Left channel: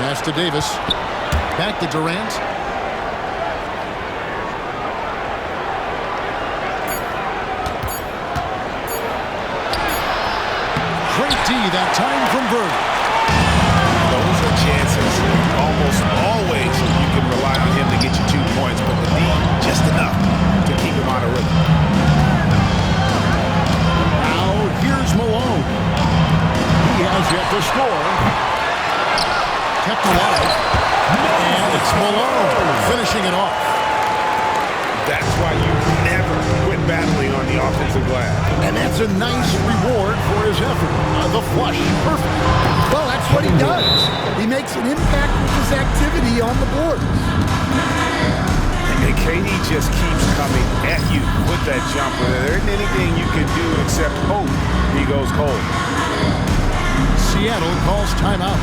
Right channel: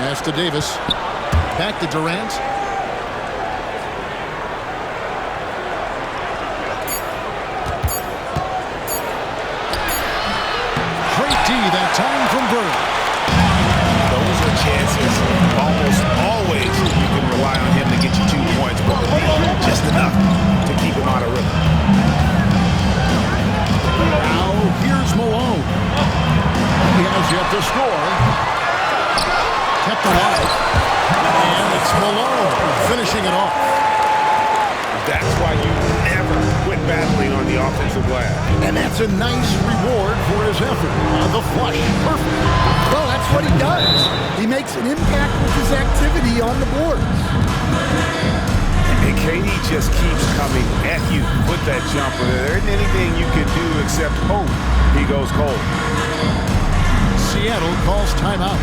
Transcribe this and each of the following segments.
Pass to Davis. Back to Durant. Great D that time from Bird. Those are chances. Almost always you can rely on him to get you 2 points, but the D, just enough to keep him out of rhythm. Now here's Malone. He has yet to score. Kept alive. And it's Malone finishing it off. That's why you never quit battling on the offensive glass. And that's a nice reward for his effort. The flush. Perfect. Well, that's what he does. He makes an impact with his activity on the boards. And KD just keeps coming at you with that jumper. There isn't anything you can do except hope he goes cold. Seattle calls timeout.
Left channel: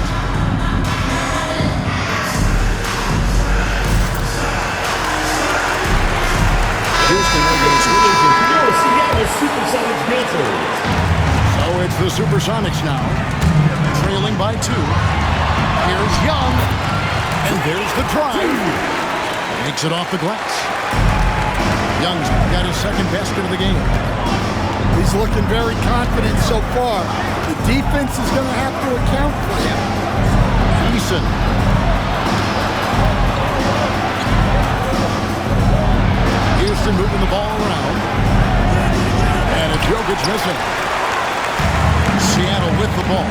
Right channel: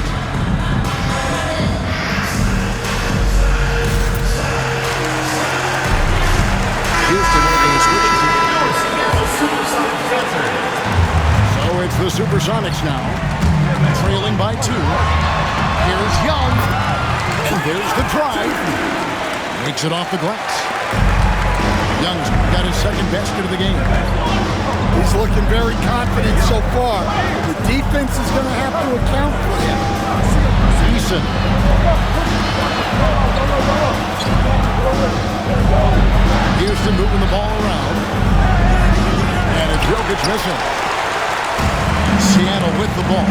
Houston making a switch. So it's the Supersonics now, trailing by 2. Here's Young, and there's the drive. Makes it off the glass. Young's got his second basket of the game. He's looking very confident so far. The defense is going to have to account for him. Eason. Houston moving the ball around. And it's Jokic missing. Seattle with the ball.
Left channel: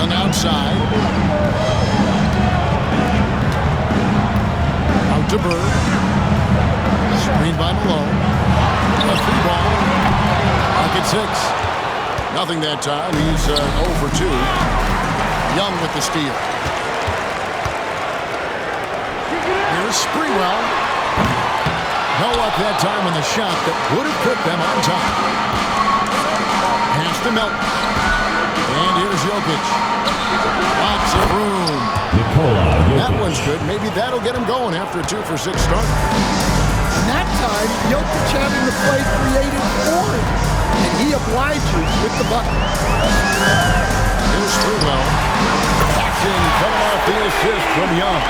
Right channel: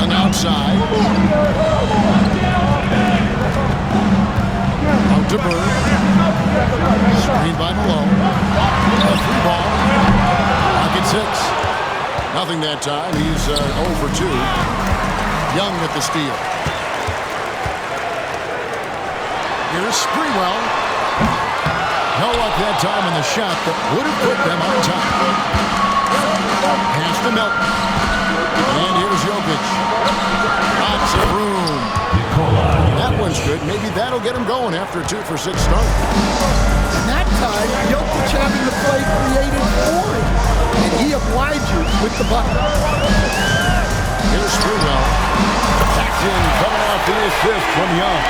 On the outside. Out to Bird. Screen by Malone. A 3-ball. Pocket 6. Nothing that time. He's 0 for 2. Young with the steal. Here's Sprewell. No luck that time on the shot that would have put them on top. Pass to Melton. And here's Jokic. Lots of room. That one's good. Maybe that'll get him going after a 2 for 6 start. And that time, Jokic having the play created for him. And he obliges with the bucket. Here's Sprewell. Jackson coming off the assist from Young.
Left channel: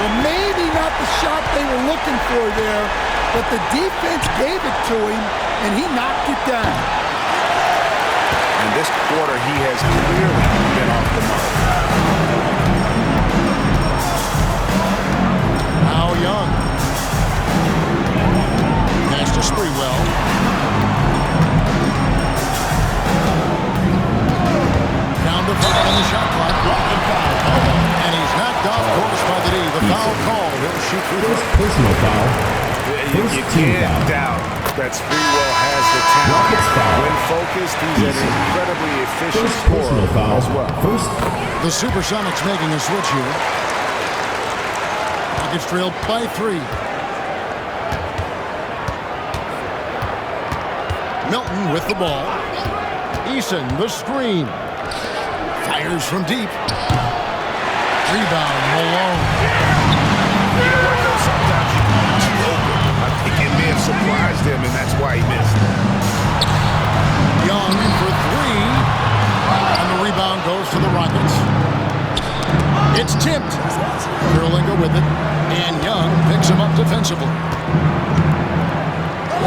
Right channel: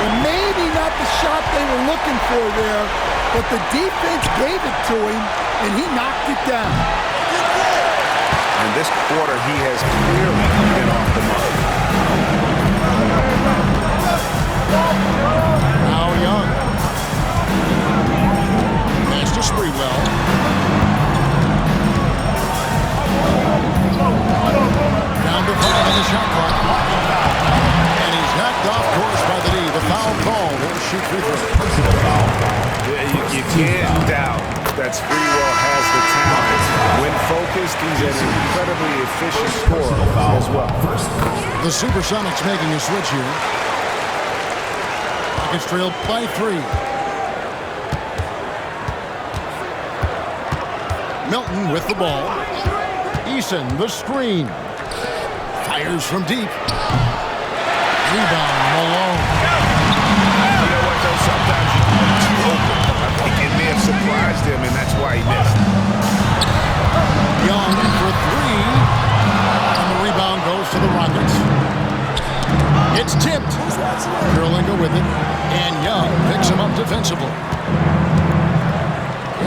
Well, maybe not the shot they were looking for there, but the defense gave it to him, and he knocked it down. And this quarter, he has clearly been off the mark. Now Young. Pass to Sprewell. Down to 5 on the shot clock. And he's knocked off course by the D. The foul call. He'll shoot free throws. Personal foul. You can't doubt that Sprewell has the talent. When focused, he's an incredibly efficient scorer as well. The Supersonics making a switch here. Rockets trail by 3. Melton with the ball. Eason, the screen. Fires from deep. Rebound, Malone. You know what, though? Sometimes you can be too open. I think it may have surprised him, and that's why he missed. Young for 3. And the rebound goes to the Rockets. It's tipped. Kirilenko with it. And Young picks him up defensively.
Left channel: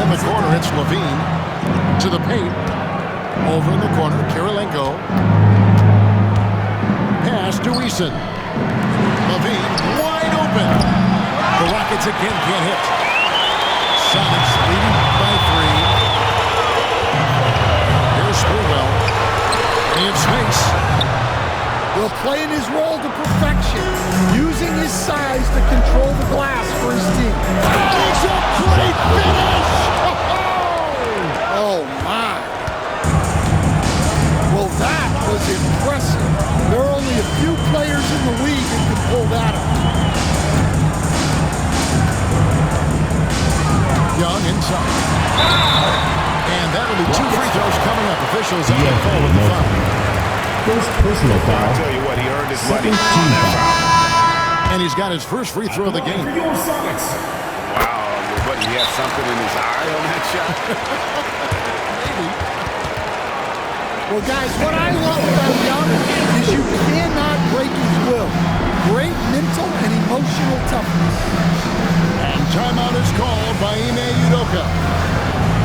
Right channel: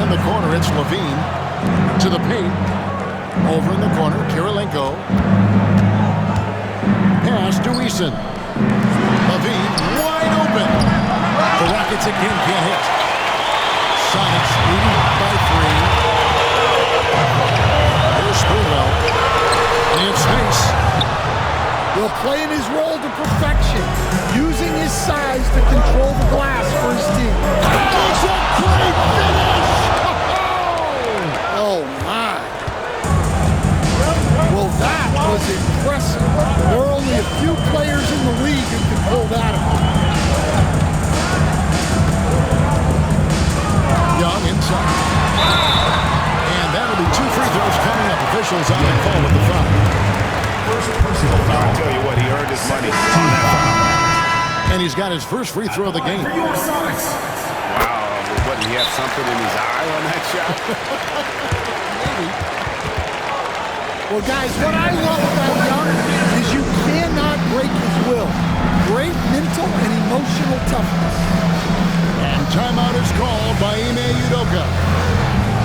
In the corner, it's Levine. To the paint. Over in the corner, Kirilenko. Pass to Eason. Levine wide open. The Rockets again can't hit. Sonics leading by 3. Here's Sprewell. And he had space. Well, playing his role to perfection, using his size to control the glass for his team. It's a great finish! Oh, my. Well, that was impressive. There are only a few players in the league who can pull that off. Young inside. And that'll be 2 free throws coming up. Officials on the call with the foul. First personal foul. I tell you what, he earned his money on that foul. And he's got his first free throw of the game. Wow, what, did he have something in his eye on that shot? Maybe. Well, guys, what I love about Young is you cannot break his will. Great mental and emotional toughness. And timeout is called by Ime Udoka.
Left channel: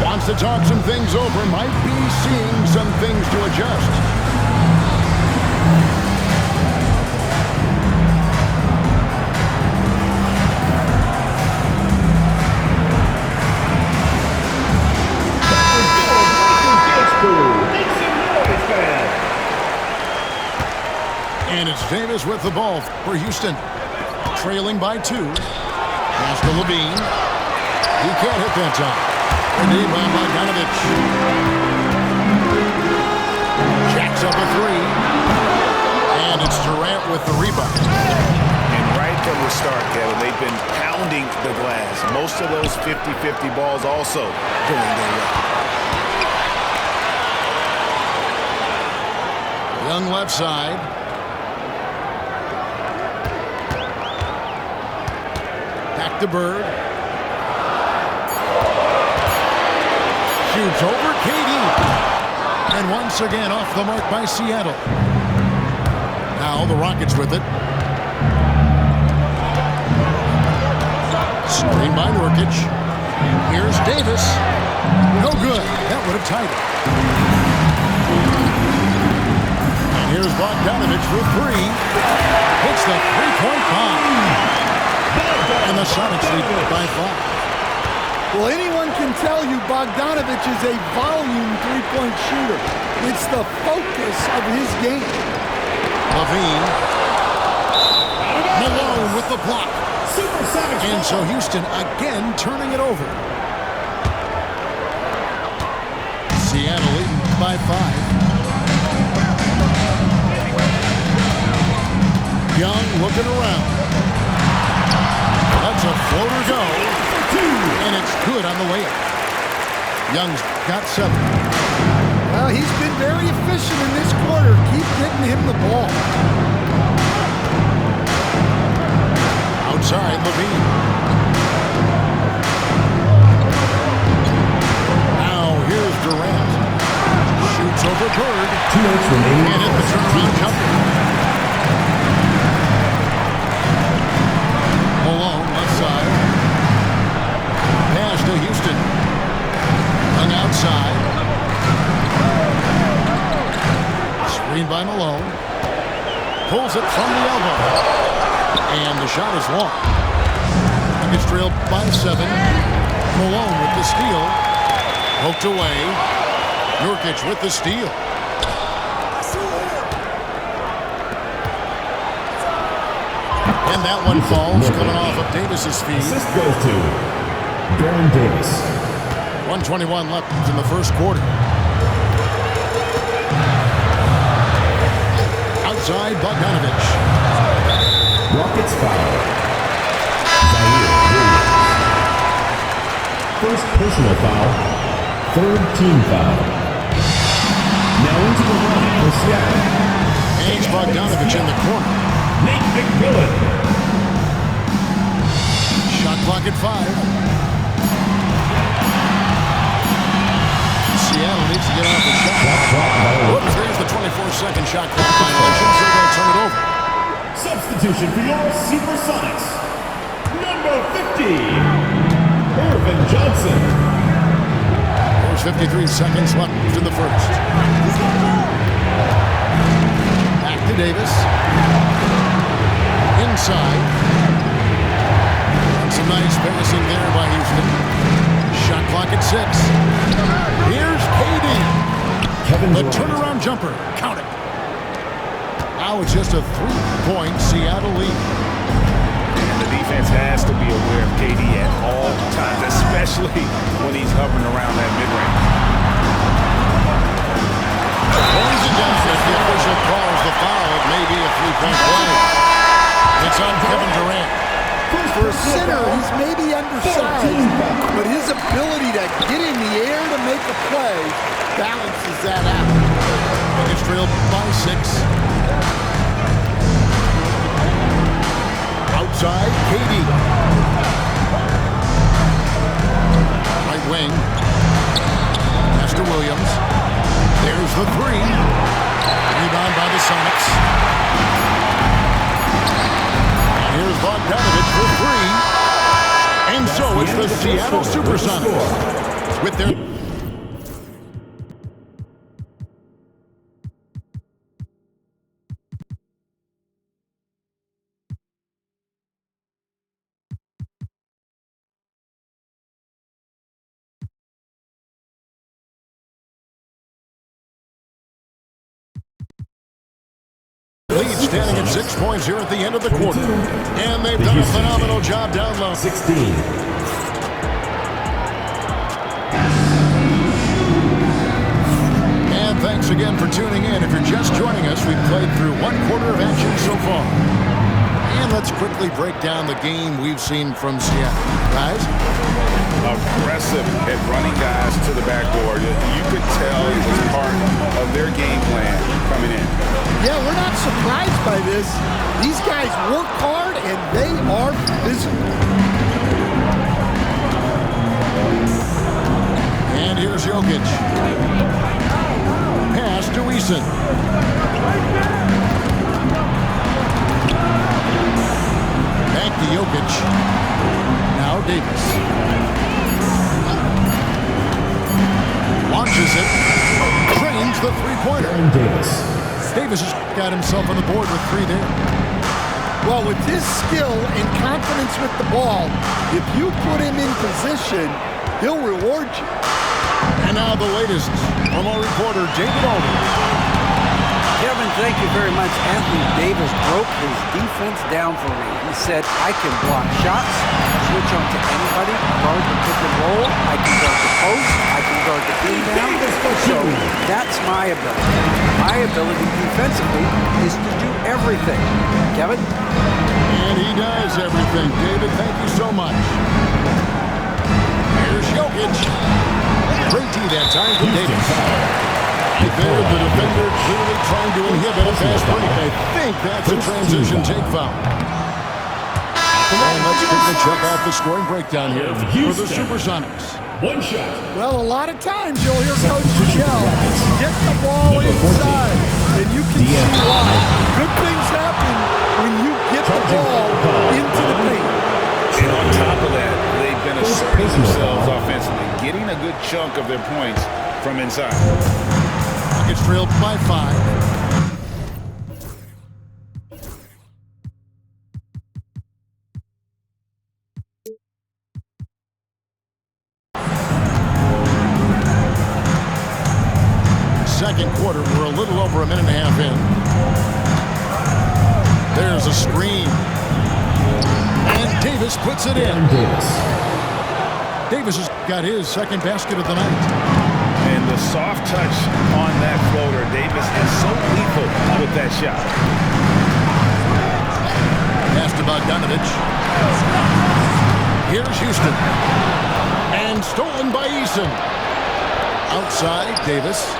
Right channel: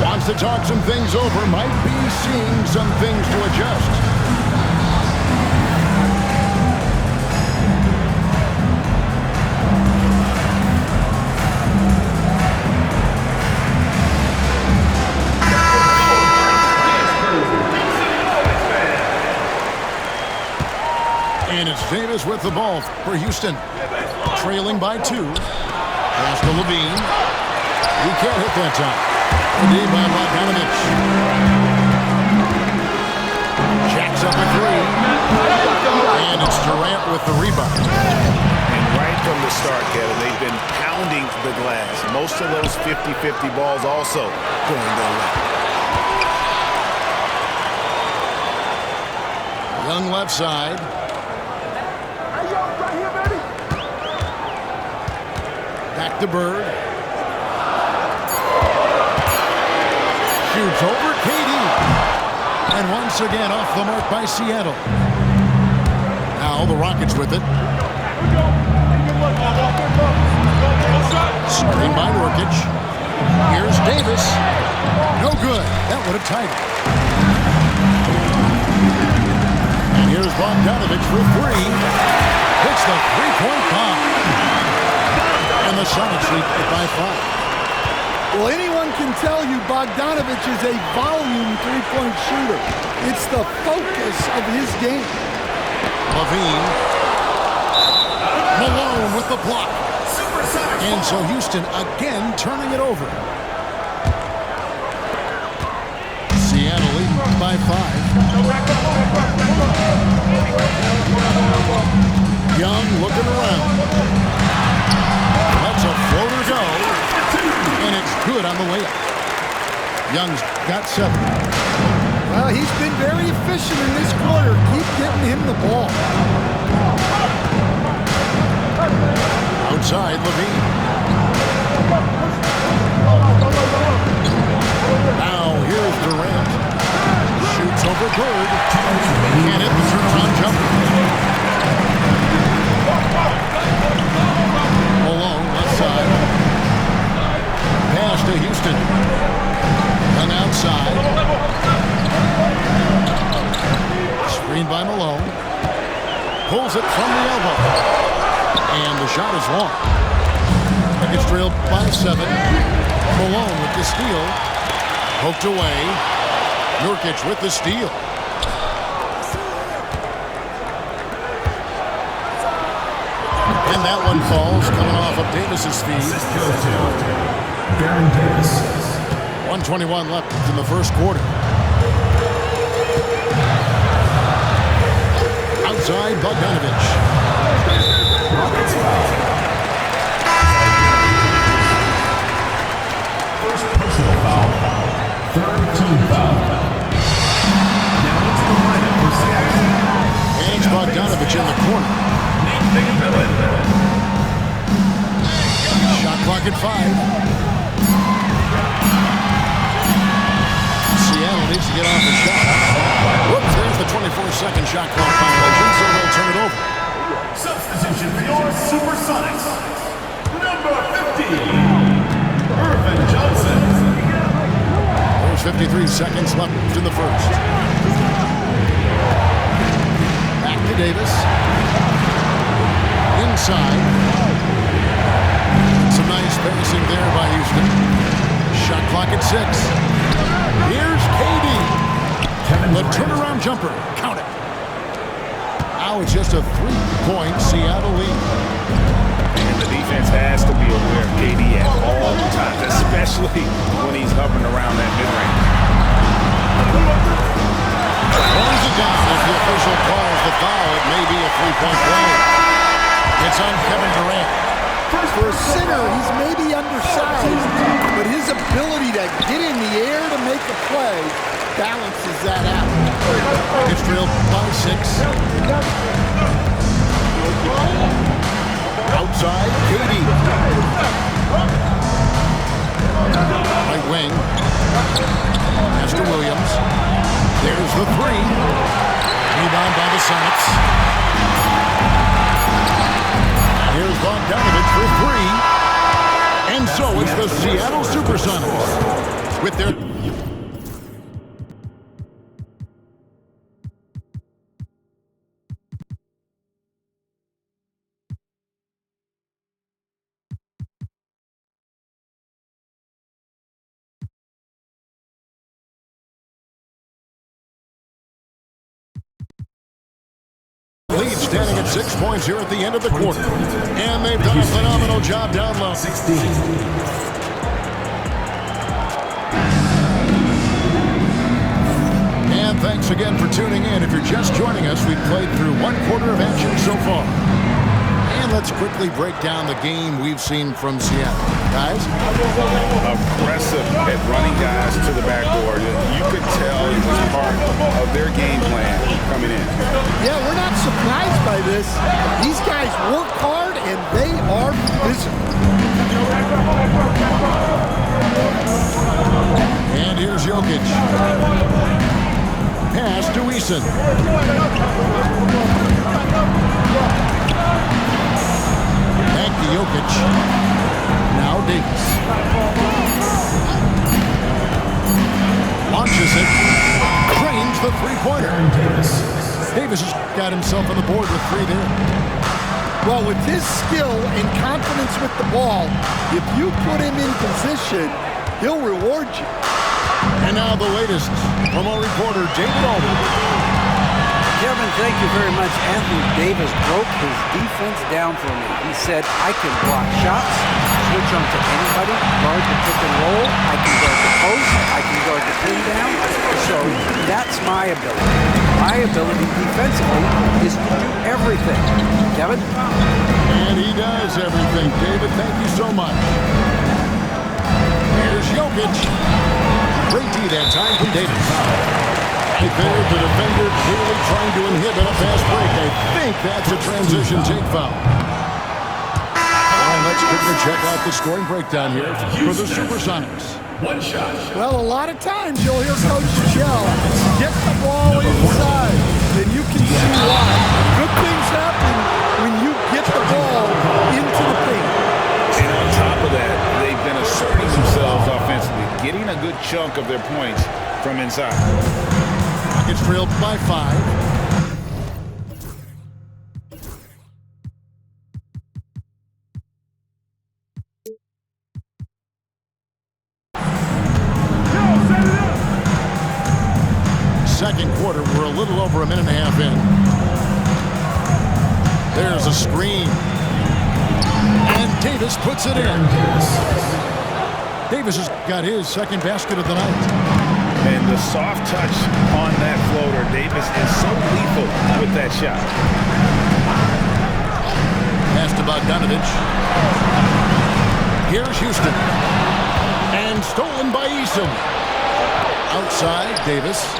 Wants to talk some things over, might be seeing some things to adjust. And it's Davis with the ball for Houston. Trailing by 2. Pass to Levine. He can't hit that time. Ready by Bogdanovich. Jacks up a 3. And it's Durant with the rebound. And right from the start, Kevin, they've been pounding the glass. Most of those 50-50 balls also going their way. Young left side. Back to Bird. Shoots over KD. And once again off the mark by Seattle. Now the Rockets with it. Screen by Nurkic. Here's Davis. No good. That would have tied it. And here's Bogdanovich for 3. Hits the three-point bomb. And the Sonics lead by 5. Well, anyone can tell you Bogdanovich is a volume three-point shooter. It's the focus of his game. Levine. Malone with the block. And so Houston again turning it over. Seattle leading by 5. Young looking around. Lets a floater go, and it's good on the way up. Young's got 7. Well, he's been very efficient in this quarter. Keep getting him the ball. Outside, Levine. Now here's Durant. Shoots over Bird. And hit the turnaround jumper. Malone, left side. Pass to Houston. Young outside. Screened by Malone. Pulls it from the elbow. And the shot is long. Nuggets trailed by 7. Malone with the steal. Poked away. Nurkic with the steal. And that one falls, coming off of Davis's feed. Assist goes to Baron Davis. 1:21 left in the first quarter. Outside, Bogdanovich. Rockets foul. First personal foul. Third team foul. Now into the lineup for Seattle. And it's Bogdanovich in the corner. Nate McMillan. Shot clock at 5. Seattle needs to get off the shot. Whoops, there's the 24-second shot clock violation, so they'll turn it over. Substitution for your Supersonics. Number 50, Irvin Johnson. There's 53 seconds left in the first. Back to Davis. Inside. Some nice passing there by Houston. Shot clock at 6. Here's KD. The turnaround jumper. Count it. Now it's just a 3-point Seattle lead. And the defense has to be aware of KD at all times, especially when he's hovering around that mid-range. Throws it down. If the official calls the foul, it may be a 3-point play. It's on Kevin Durant. For a center, he's maybe undersized, but his ability to get in the air to make a play balances that out. It's trailed by 6. Outside, KD. Right wing. Pass to Williams. There's Here's the three. Rebound by the Sonics. And here's Bogdanovich for three. And so it's the Seattle Supersonics with their... lead standing at 6 points here at the end of the quarter. And they've done a phenomenal job down low. 16. And thanks again for tuning in. If you're just joining us, we've played through 1/4 of action so far. And let's quickly break down the game we've seen from Seattle. Guys? Aggressive at running guys to the backboard. You could tell it was part of their game plan coming in. Yeah, we're not surprised by this. These guys work hard and they are physical. And here's Jokic. Pass to Eason. Back to Jokic. Now Davis. Launches it. Trains the three-pointer. Davis has got himself on the board with three there. Well, with his skill and confidence with the ball, if you put him in position, he'll reward you. And now the latest from our reporter, David Aldridge. Kevin, thank you very much. Anthony Davis broke his defense down for me. He said, I can block shots, switch on to anybody, guard the pick and roll, I can guard the post, I can guard the pin down. So that's my ability. My ability defensively is to do everything. Kevin? And he does everything. David, thank you so much. Here's Jokic. Great D that time from Davis. Right there, the defender clearly trying to inhibit a fast break. I think that's a transition take foul. And let's quickly check out the scoring breakdown here for the Supersonics. One shot. Well, a lot of times you'll hear Coach yell, get the ball inside, and you can see why. Good things happen when you get the ball into the paint. And on top of that, they've been asserting themselves offensively, getting a good chunk of their points from inside. Rockets trailed by 5. Second quarter, we're a little over a minute and a half in. There's a screen. And Davis puts it in. Davis has got his second basket of the night. And the soft touch on that floater, Davis is so lethal with that shot. Pass to Bogdanovich. Here's Houston. And stolen by Eason. Outside, Davis.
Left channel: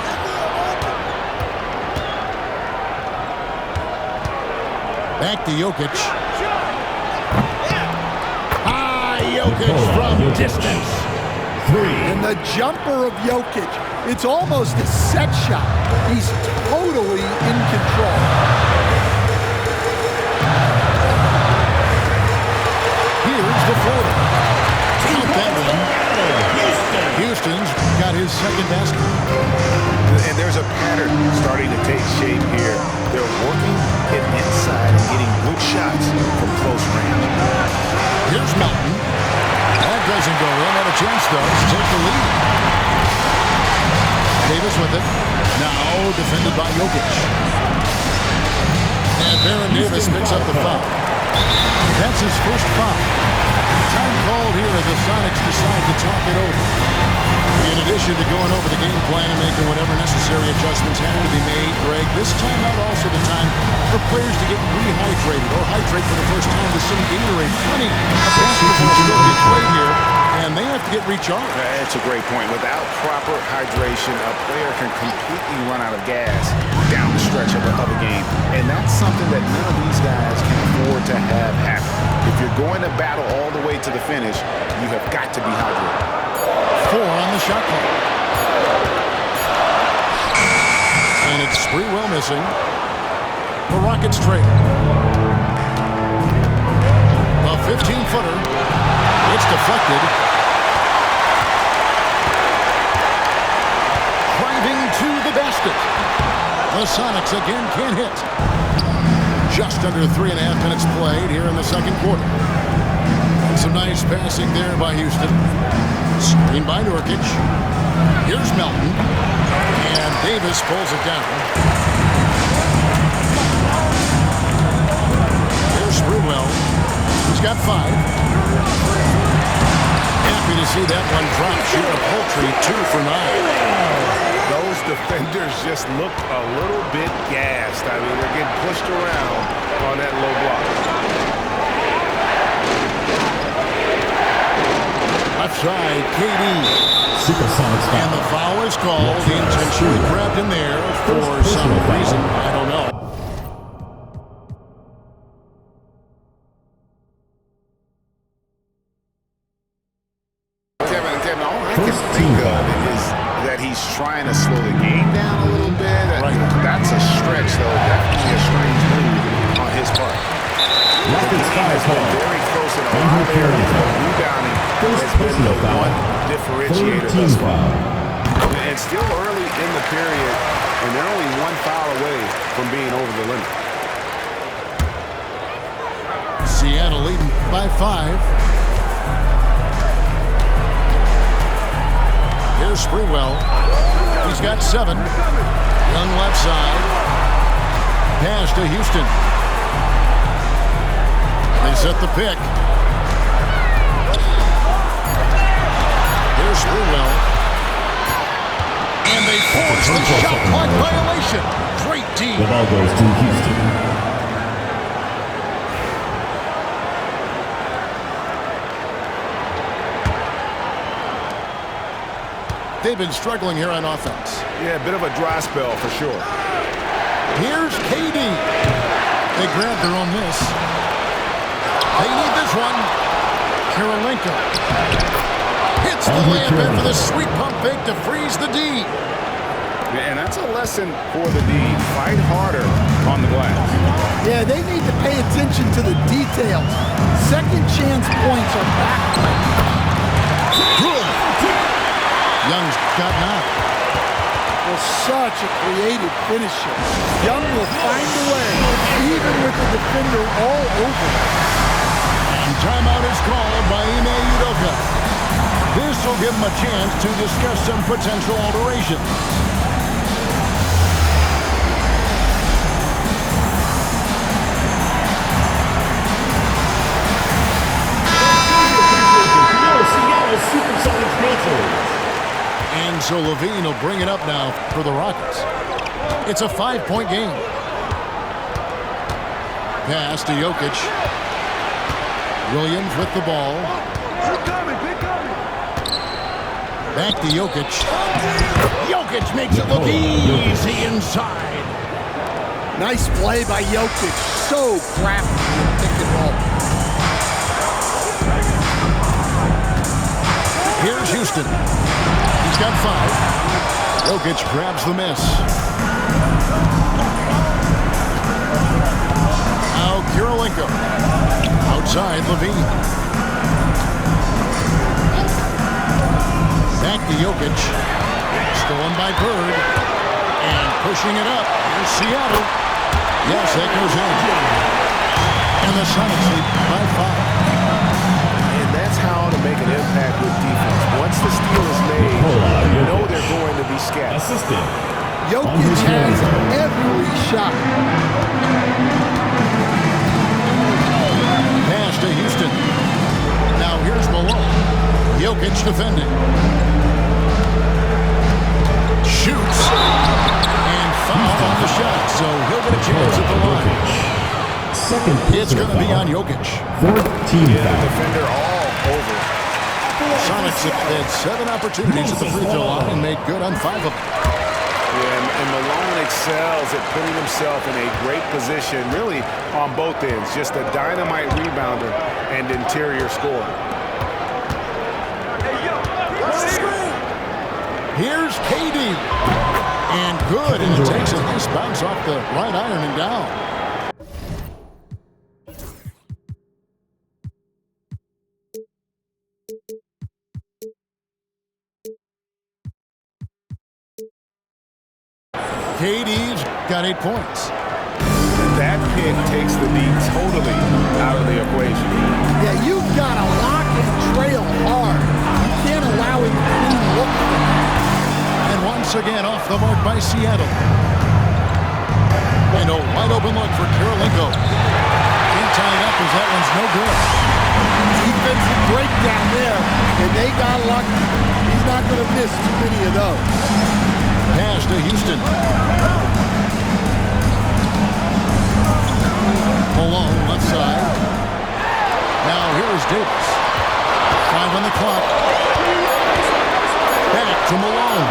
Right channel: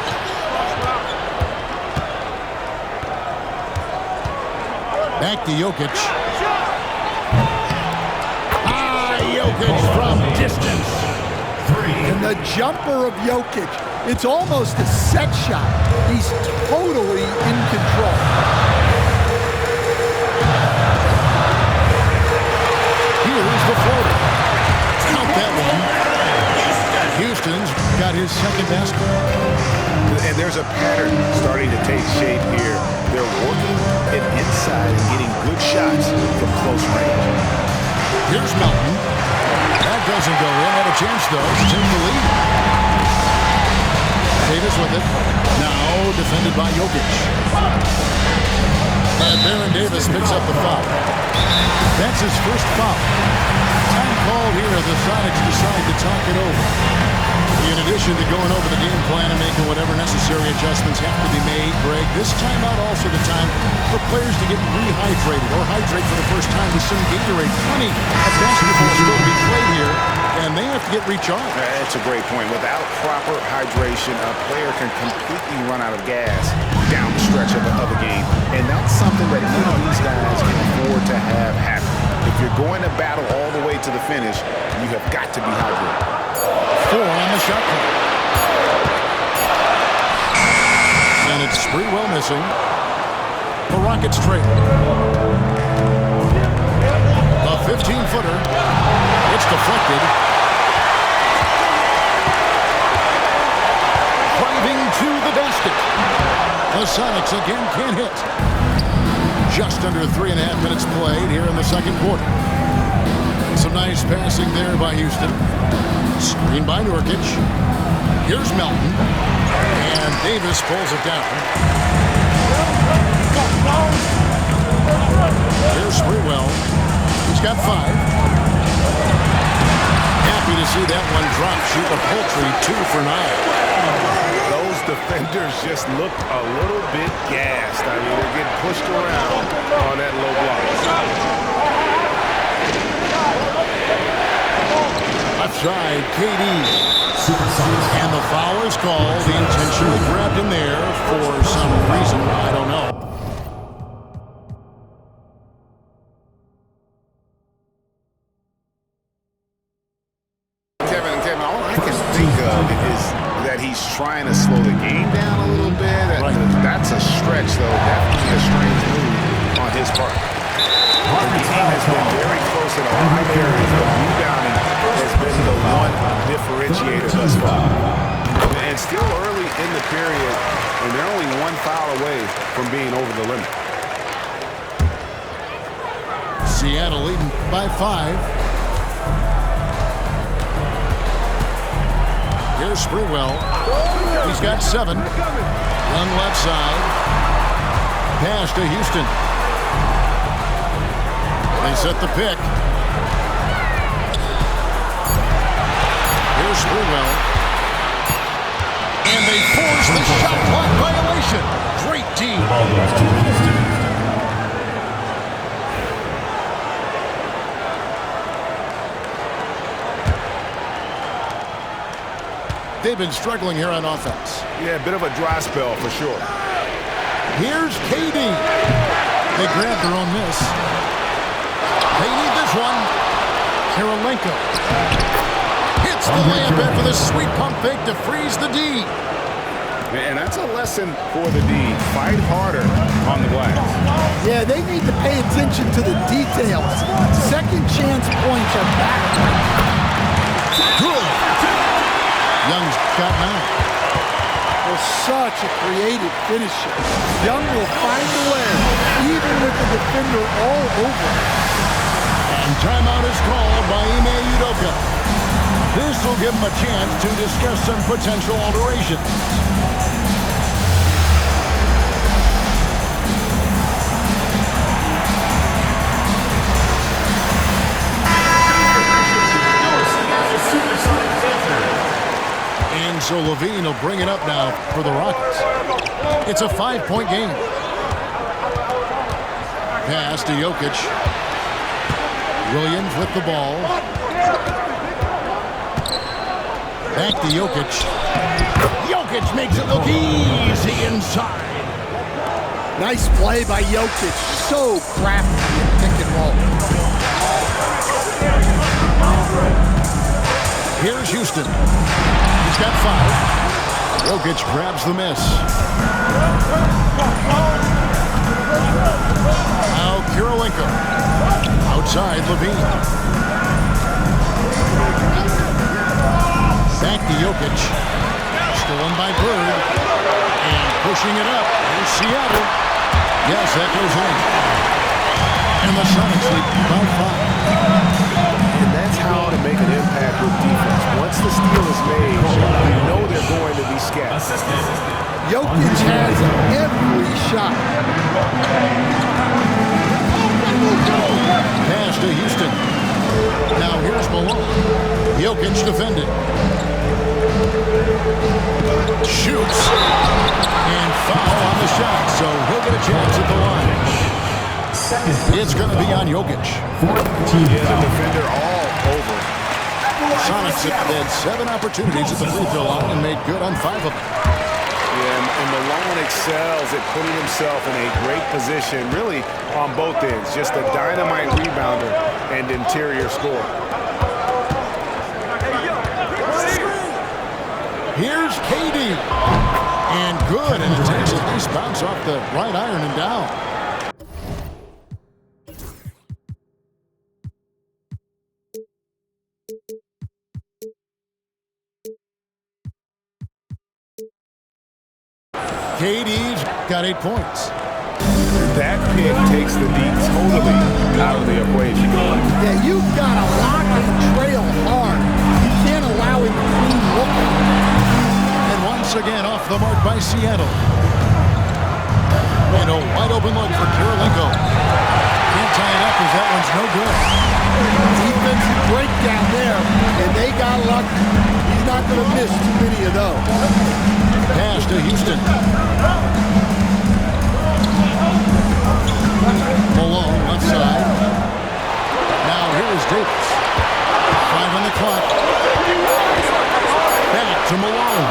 Back to Jokic. Jokic from distance. 3. And the jumper of Jokic, it's almost a set shot. He's totally in control. Here's the floater. Count that one. Houston's got his second basket. And there's a pattern starting to take shape here. They're working it inside and getting good shots from close range. Here's Melton. That doesn't go in. Had a chance, though, to take the lead. Davis with it. Now defended by Jokic. And Baron Davis picks up the foul. That's his first foul. Time called here. The Sonics decide to talk it over. In addition to going over the game plan and making whatever necessary adjustments have to be made, Greg, this timeout also the time for players to get rehydrated or hydrate for the first time with some Gatorade. Plenty of basketball still to be played here, and they have to get recharged. That's a great point. Without proper hydration, a player can completely run out of gas down the stretch of a game, and that's something that none of these guys can afford to have happen. If you're going to battle all the way to the finish, you have got to be hydrated. 4 on the shot clock. And it's Sprewell missing. The Rockets trail. The 15-footer. It's deflected. Driving to the basket. The Sonics again can't hit. Just under 3.5 minutes played here in the second quarter. Some nice passing there by Houston. Screen by Nurkic. Here's Melton. And Davis pulls it down. Here's Sprewell. He's got 5. Happy to see that one drop, shooting a paltry 2 for 9. Those defenders just looked a little bit gassed. I mean, they're getting pushed around on that low block. Left side, KD. And the foul is called. He intentionally grabbed him there for some reason. I don't know. Kevin, all I can think of is that he's trying to slow the game down a little bit. That's a stretch, though. Definitely a strange move on his part. The game has been very close in a lot of areas, but rebounding has been the one differentiator thus far. And still early in the period, and they're only 1 foul away from being over the limit. Seattle leading by 5. Here's Sprewell. He's got 7. Young left side. Pass to Houston. They set the pick. Here's Sprewell. And they force the shot clock violation. Great team. The ball goes to Houston. They've been struggling here on offense. Yeah, a bit of a dry spell for sure. Here's KD. They grab their own miss. They need this one. Kirilenko hits the layup in for the sweet pump fake to freeze the D. And that's a lesson for the D. Fight harder on the glass. Yeah, they need to pay attention to the details. Second chance points are backbreaking. Good. Young's got 9. Well, such a creative finisher. Young will find a way, even with the defender all over. And timeout is called by Ime Udoka. This will give him a chance to discuss some potential alterations. And so Levine will bring it up now for the Rockets. It's a 5-point game. Pass to Jokic. Williams with the ball. Back to Jokic. Jokic makes it look easy inside. Nice play by Jokic. So crafty in pick and roll. Here's Houston. He's got 5. Jokic grabs the miss. Now Kirilenko. Outside Levine. Back to Jokic. Stolen by Bird. And pushing it up. Here's Seattle. Yes, that goes in. And the Sonics lead by 5. And that's how to make an impact with defense. Once the steal is made, you know they're going to be scattered. Assistant. Jokic has every shot. Pass to Houston. Now here's Malone. Jokic defending. Shoots. And foul on the shot, so he'll get a chance at the line. It's going to be on Jokic. 14 Yeah, the defender all over. Sonics have had 7 opportunities at the free throw line and made good on 5 of them. Yeah, and Malone excels at putting himself in a great position, really on both ends. Just a dynamite rebounder and interior scorer. Here's KD. And good, and it takes a nice bounce off the right iron and down. KD's got 8 points. That pick takes the D totally out of the equation. Yeah, you've got to lock and trail hard. You can't allow him to clean look. And once again off the mark by Seattle. And a wide open look for Karolinko. Can't tie it up as that one's no good. Defensive breakdown there, and they got lucky. He's not going to miss too many of those. Pass to Houston. Malone left side. Now here is Davis. 5 on the clock. Back to Malone.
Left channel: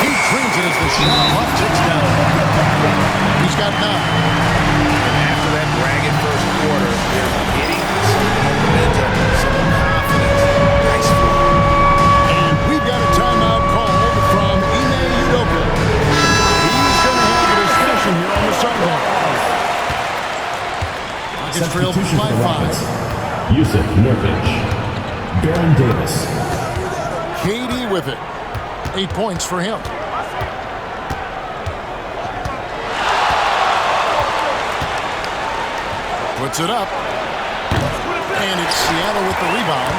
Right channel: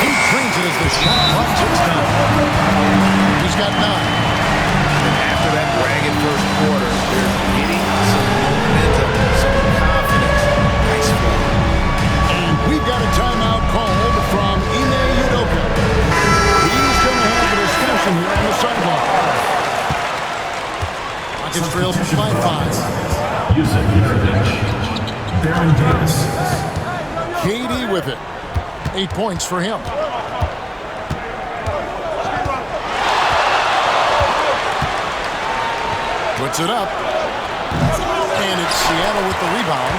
He drains it as the shot clock ticks down. He's got 9. And after that ragged first quarter, they're getting some momentum, some confidence. Nice play. And we've got a timeout called from Ime Udoka. He's going to have a discussion here on the sideline. Rockets trail by 5. Yusuf Nurkic. Baron Davis. KD with it. 8 points for him. Puts it up. And it's Seattle with the rebound.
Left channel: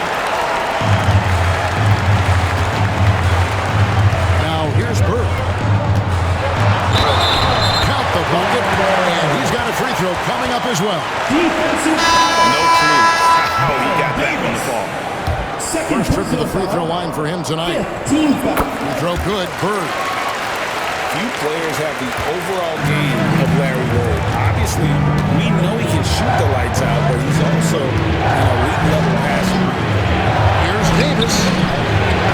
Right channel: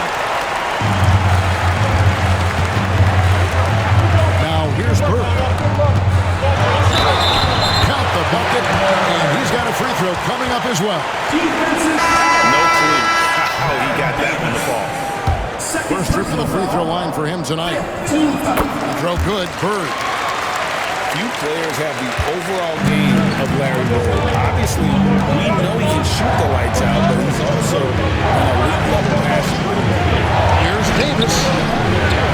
Now here's Bird. Count the bucket. And he's got a free throw coming up as well. No clue how he got that one to fall. First trip to the free throw line for him tonight. Free throw good. Bird. Few players have the overall game of Larry Bird. Obviously, we know he can shoot the lights out, but he's also an elite level passer. Here's Davis.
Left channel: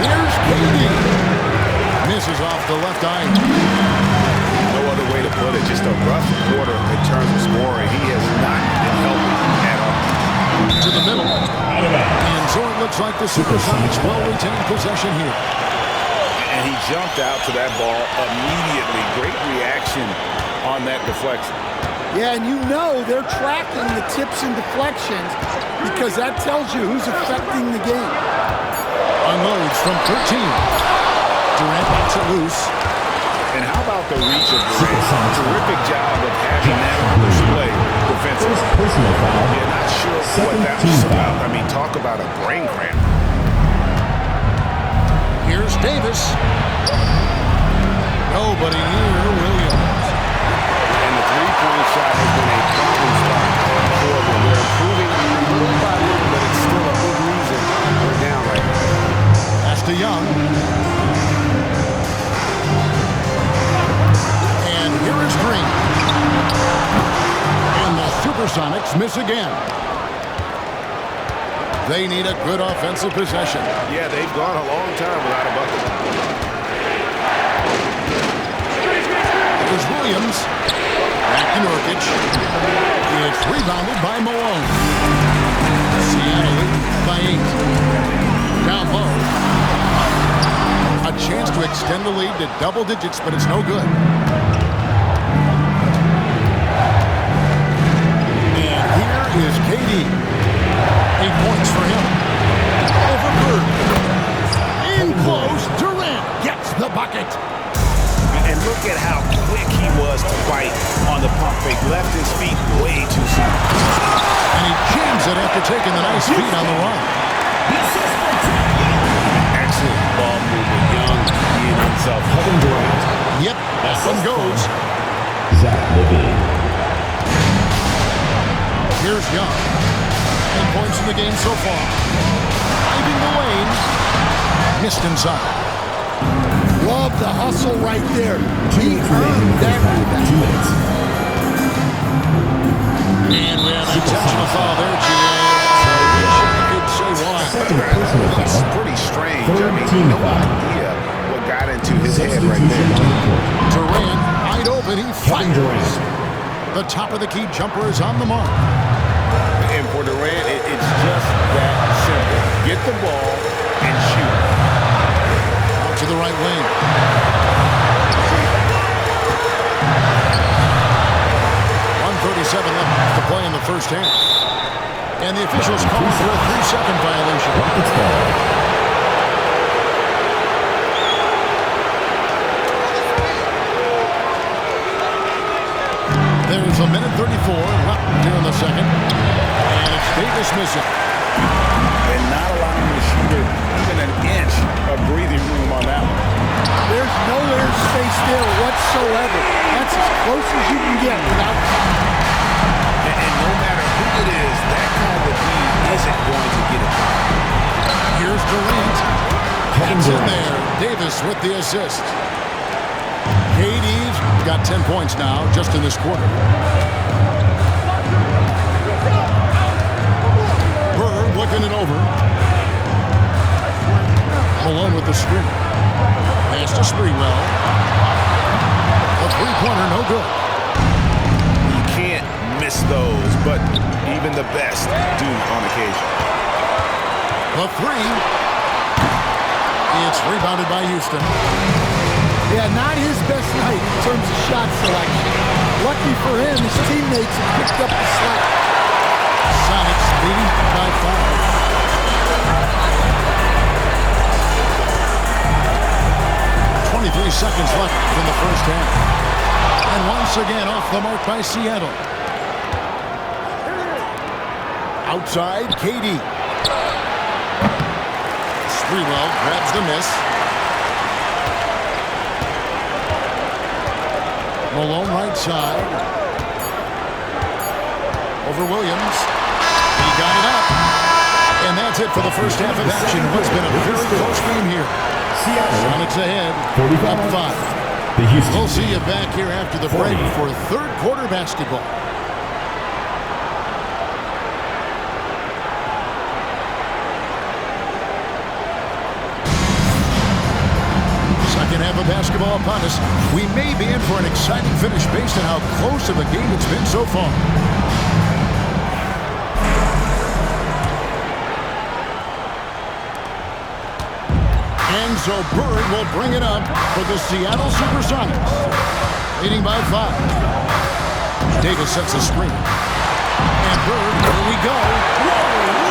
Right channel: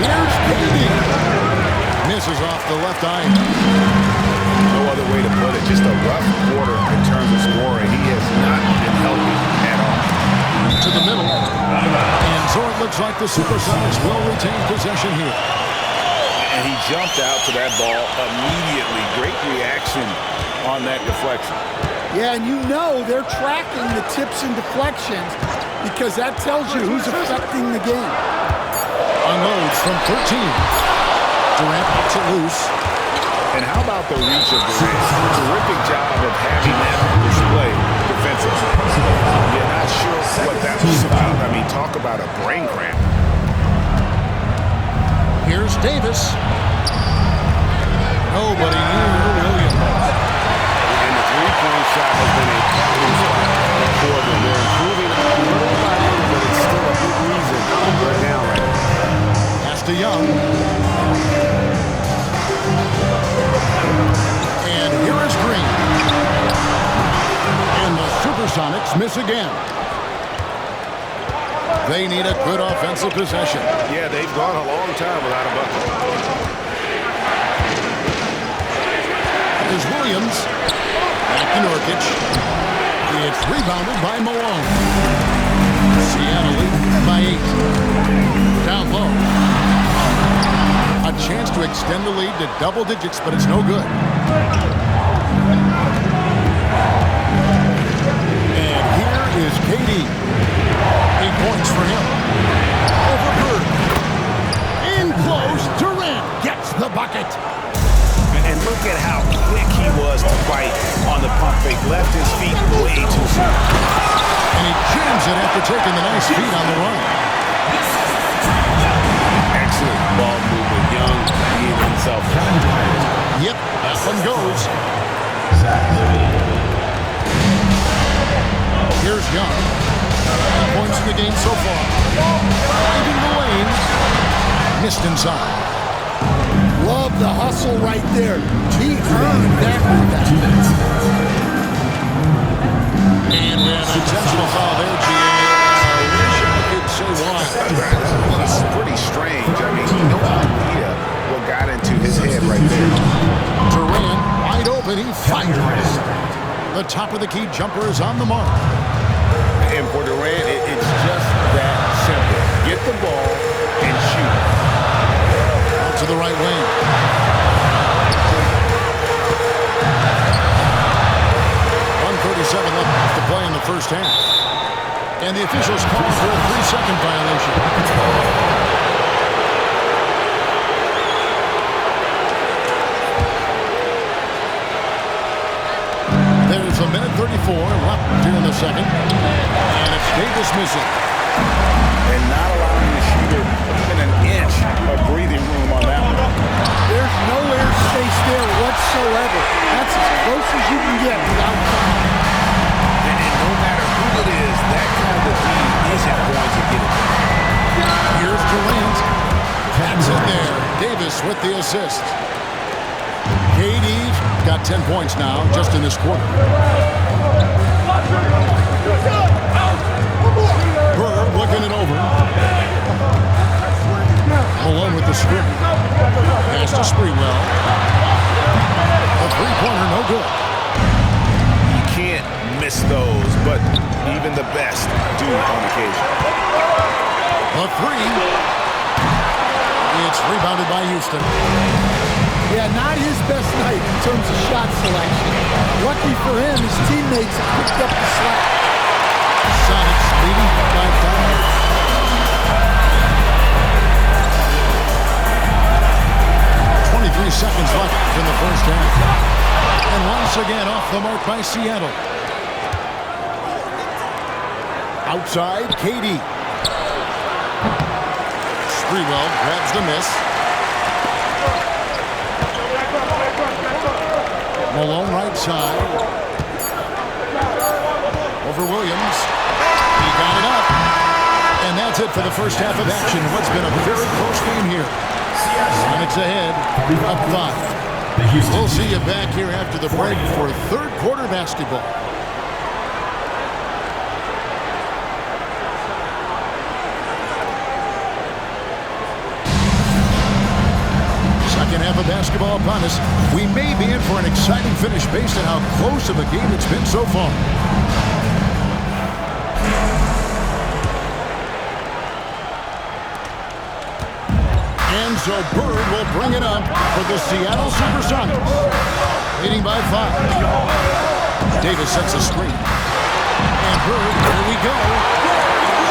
Here's KD. Misses off the left eye. No other way to put it. Just a rough quarter in terms of scoring. He has not been healthy at all. To the middle. And so it looks like the Supersonics will retain possession here. And he jumped out to that ball immediately. Great reaction on that deflection. Yeah, and you know they're tracking the tips and deflections because that tells you who's affecting the game. Unloads from 13. Durant knocks it loose. And how about the reach of Durant? Terrific job of having that on display defensively. You're not sure what that was about. I mean, talk about a brain cramp. Here's Davis. Nobody near Williams. And the three-point shot has been a problem spot for them. They're improving little by little, but it's still a big reason they're down right now. Pass to Young. And here is Green. And the Supersonics miss again. They need a good offensive possession. Yeah, they've gone a long time without a bucket. Here's Williams. Back to Nurkic. It's rebounded by Malone. Seattle lead by 8. Down low. A chance to extend the lead to double digits, but it's no good. And here is KD. 8 points for him. Over Bird. In close. Durant gets the bucket. And look at how quick he was to fight on the pump fake. Left his feet way too soon. And he jams it after taking the nice feed on the run. Excellent ball movement. Young being unselfish. Kevin Durant. Yep, that one goes. Zach LaVine. Here's Young. 10 points in the game so far. Driving the lane. Missed inside. Love the hustle right there. He earned that rebound. 2 minutes. And we have an intentional foul there, GA. I wish I could say why. That's pretty strange. I mean, no idea what got into his head right there. Durant, wide open, he fires. The top of the key jumper is on the mark. And for Durant, it's just that simple. Get the ball and shoot. Out to the right wing. play in the first half. And the officials call for a 3-second violation. There's a minute 34 left here in the second. And it's Davis missing. And not allowing the shooter even an inch of breathing room on that one. There's no air space there whatsoever. That's as close as you can get without foul. And no matter who it is, that kind of D isn't going to get it done. Here's Durant. That's in there. Davis with the assist. KD's got 10 points now just in this quarter. Bird looking it over. Malone with the screen. Pass to Sprewell. A three-pointer, no good. You can't miss those, but even the best do on occasion. The three. It's rebounded by Houston. Yeah, not his best night in terms of shot selection. Lucky for him, his teammates have picked up the slack. Sonics leading by 5. 23 seconds left in the first half. And once again off the mark by Seattle. Outside, KD. Sprewell grabs the miss. Malone right side. Over Williams. He got it up. And that's it for the first half of action. What's been a very close game here. Sonics ahead, up 5. We'll see you back here after the break for third quarter basketball. Second half of basketball upon us. We may be in for an exciting finish based on how close of a game it's been so far. And so Bird will bring it up for the Seattle Supersonics. Leading by 5. Davis sets a screen. And Bird, here we go.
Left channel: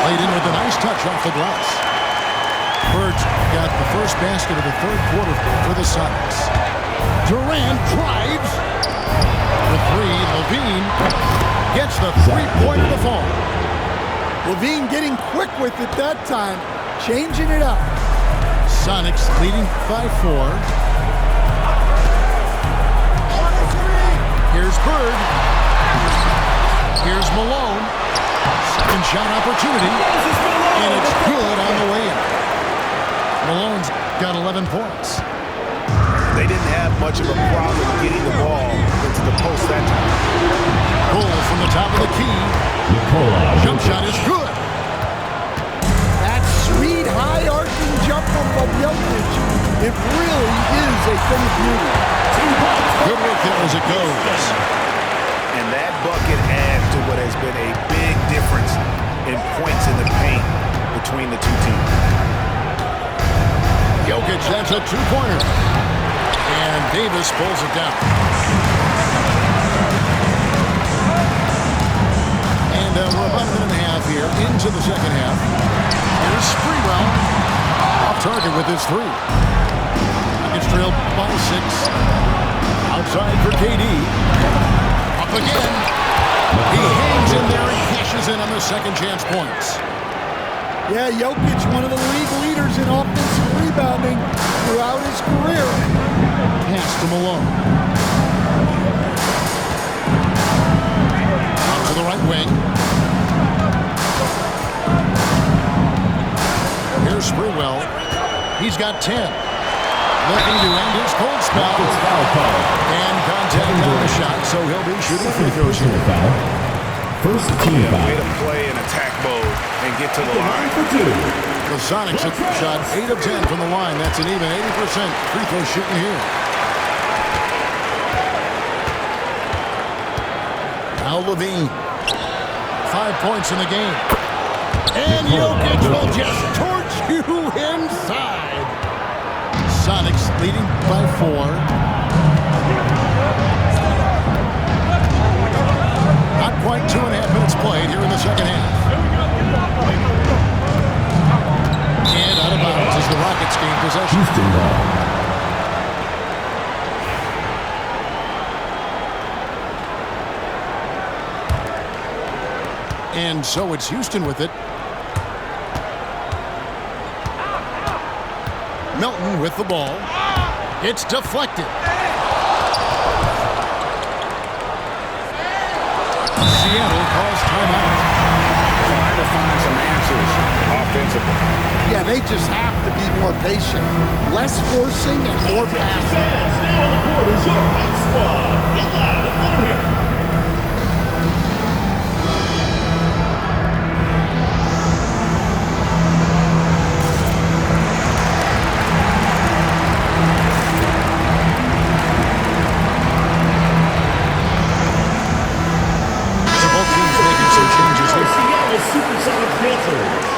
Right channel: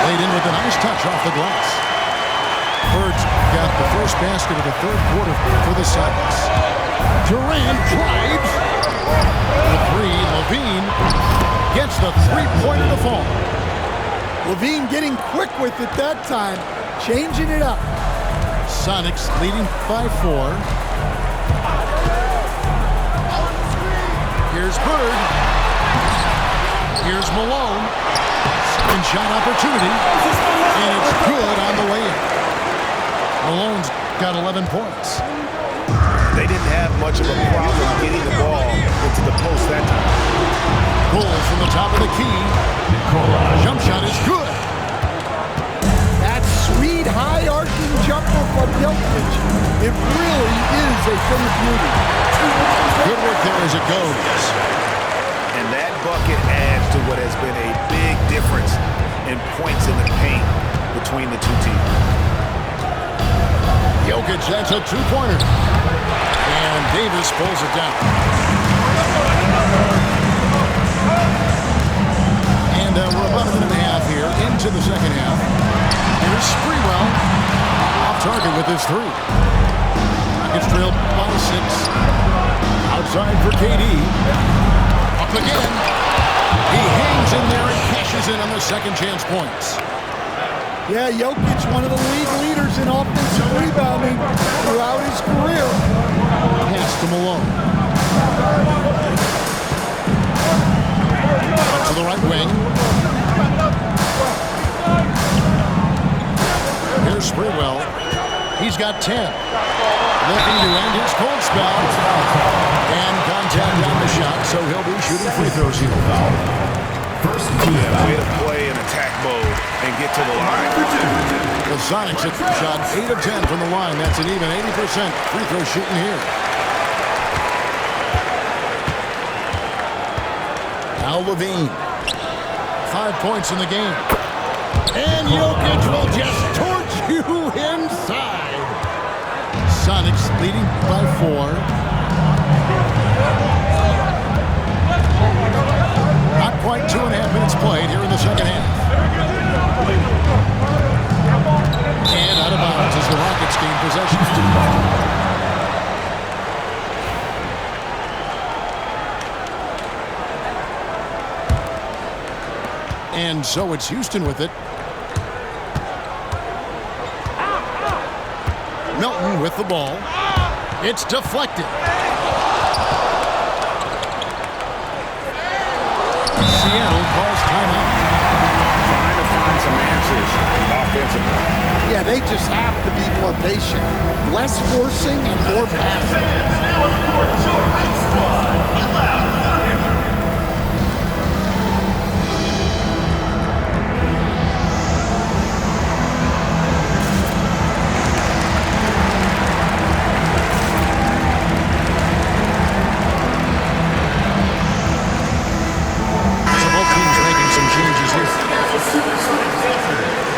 Laid in with a nice touch off the glass. Bird's got the first basket of the third quarter for the Sonics. Durant drives. For 3, Levine gets the three-pointer to fall. Levine getting quick with it that time, changing it up. Sonics leading by 4. Here's Bird. Here's Malone. Second shot opportunity. And it's good on the way in. Malone's got 11 points. They didn't have much of a problem getting the ball into the post that time. Goal from the top of the key. Jump shot is good. That sweet high arcing jumper from Jokic, it really is a thing of beauty. Good work there as it goes. And that bucket adds to what has been a big difference in points in the paint between the two teams. Jokic, that's a two-pointer. And Davis pulls it down. And we're about a minute and a half here into the second half. Here's Sprewell. Off target with his 3. Rockets trail by 6. Outside for KD. Up again. He hangs in there and cashes in on the second chance points. Yeah, Jokic, one of the league leaders in offensive rebounding throughout his career. Pass to Malone. Out to the right wing. Here's Sprewell. He's got 10. Looking to end his cold spell. And contact on the shot, so he'll be shooting free throws here. First team Way to play in attack mode and get to the line. The Sonics have shot 8 of 10 from the line. That's an even 80% free throw shooting here. Now Levine. 5 points in the game. And Jokic will just torch you inside. Sonics leading by 4. Not quite 2.5 minutes played here in the second half. And out of bounds as the Rockets gain possession. Houston ball. And so it's Houston with it. Milton with the ball. It's deflected. Seattle calls timeout. Trying to find some answers offensively. Yeah, they just have to be more patient. Less forcing and more passing. Now on the court is your high squad. Get loud, let 'em hear it. So both teams making some changes here. Seattle Supersonic Dancers.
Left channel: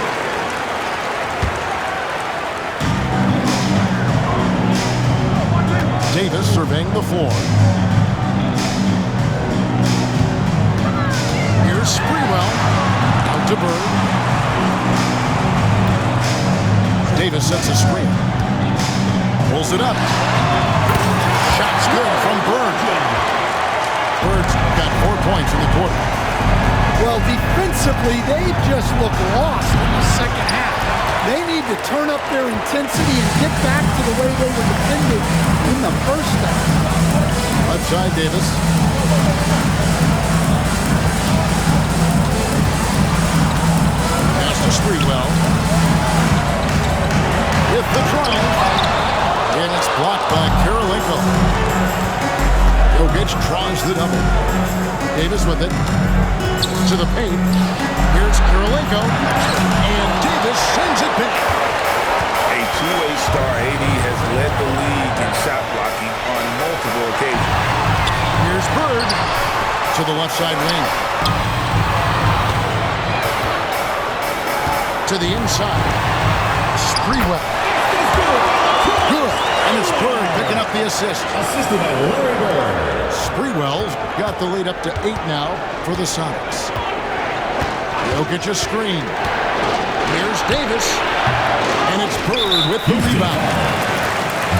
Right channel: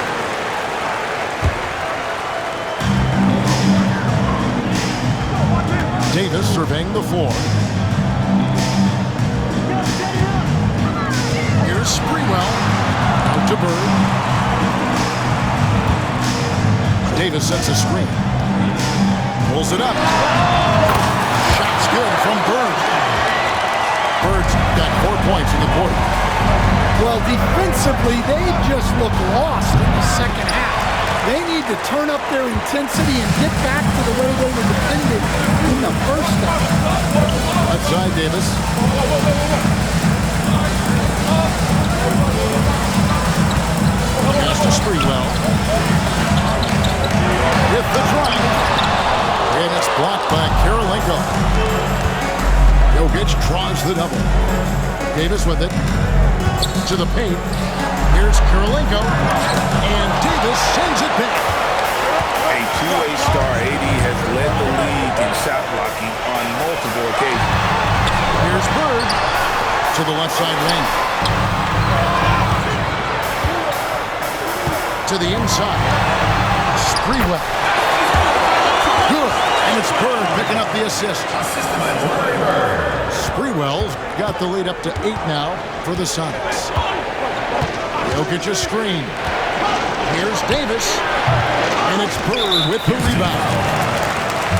Davis surveying the floor. Here's Sprewell. Out to Bird. Davis sets a screen. Pulls it up. Shot's good from Bird. Bird's got 4 points in the quarter. Well, defensively, they just look lost in the second half. They need to turn up their intensity and get back to the way they were defended in the first half. Left side, Davis. Pass to Sprewell. With the drive. And it's blocked by Kirilenko. Jokic draws the double. Davis with it. To the paint. Here's Kirilenko. And Davis sends it back. A two-way star, AD has led the league in shot blocking on multiple occasions. Here's Bird to the left side wing. To the inside. Sprewell. Good. And it's Bird picking up the assist. Assisted by Larry Bird. Sprewell's got the lead up to 8 now for the Sonics. Jokic a screen. Here's Davis. And it's Bird with the rebound.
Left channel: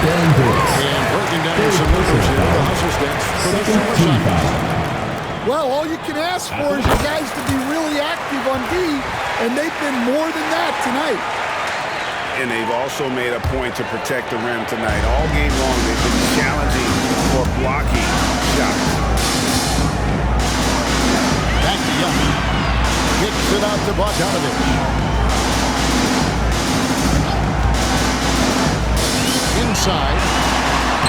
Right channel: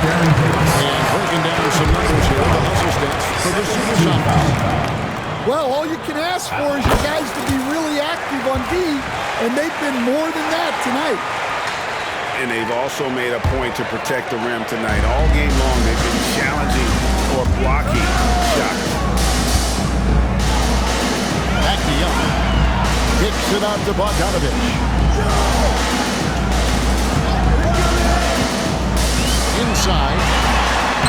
And breaking down some numbers here, the hustle stats for the Supersonics. Well, all you can ask for is your guys to be really active on D, and they've been more than that tonight. And they've also made a point to protect the rim tonight. All game long, they've been challenging or blocking shots. Back to Young. Kicks it out to Bogdanovich. Inside.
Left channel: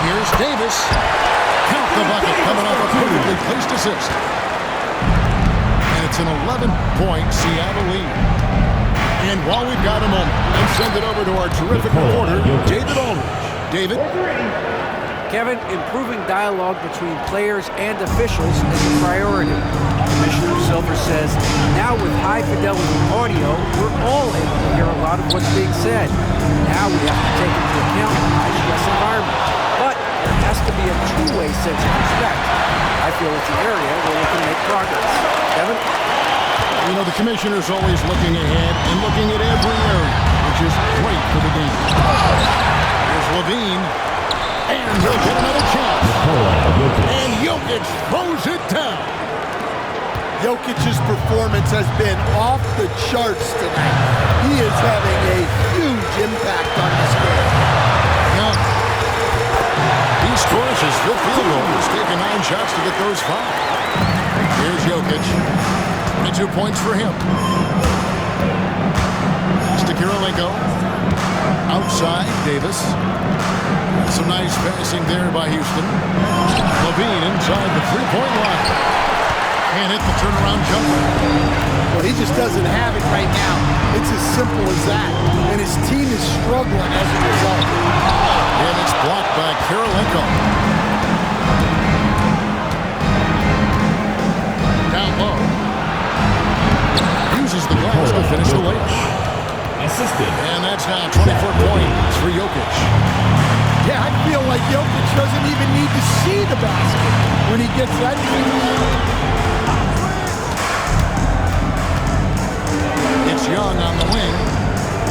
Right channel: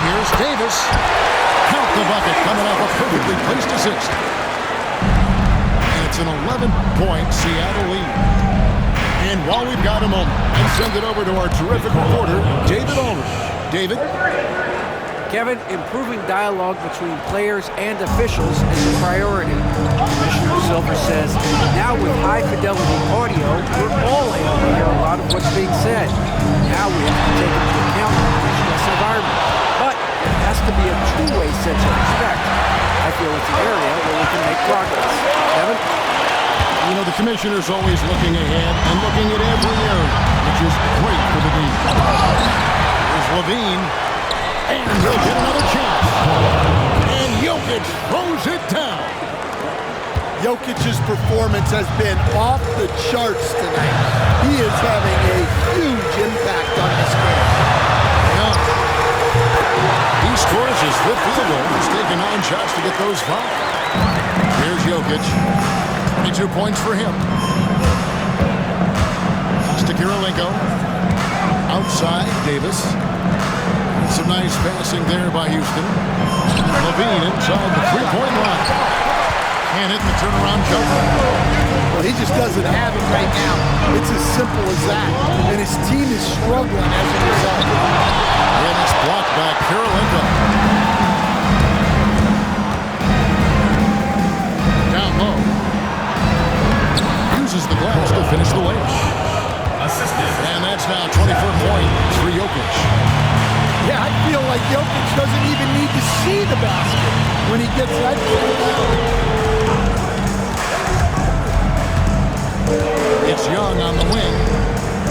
Here's Davis. Count the bucket coming off a perfectly placed assist. And it's an 11-point Seattle lead. And while we've got a moment, let's send it over to our terrific reporter, David Aldridge. David? Kevin, improving dialogue between players and officials is a priority. Commissioner Silver says, now with high-fidelity audio, we're all able to hear a lot of what's being said. Now we have to take into account the high-stress environment. But there has to be a two-way sense of respect. I feel it's an area where we can make progress. Kevin? You know, the commissioner's always looking ahead and looking at every area, which is great for the game. Here's Levine. And he'll get another chance. And Jokic throws it down. Jokic's performance has been off the charts tonight. He is having a huge impact on this game. Young. He scores his fifth field goal. He's taken 9 shots to get those 5. Here's Jokic. 22 points for him. Pass to Kirilenko. Outside, Davis. Some nice passing there by Houston. Levine inside the three-point line. Can't hit the turnaround jumper. Well, he just doesn't have it right now. It's as simple as that. And his team is struggling as a result. And it's blocked by Kirilenko. Down low. Uses the glass to finish the layup. Assisted. And that's now 24 points for Jokic. Yeah, I feel like Jokic doesn't even need to see the basket when he gets that. It's Young on the wing.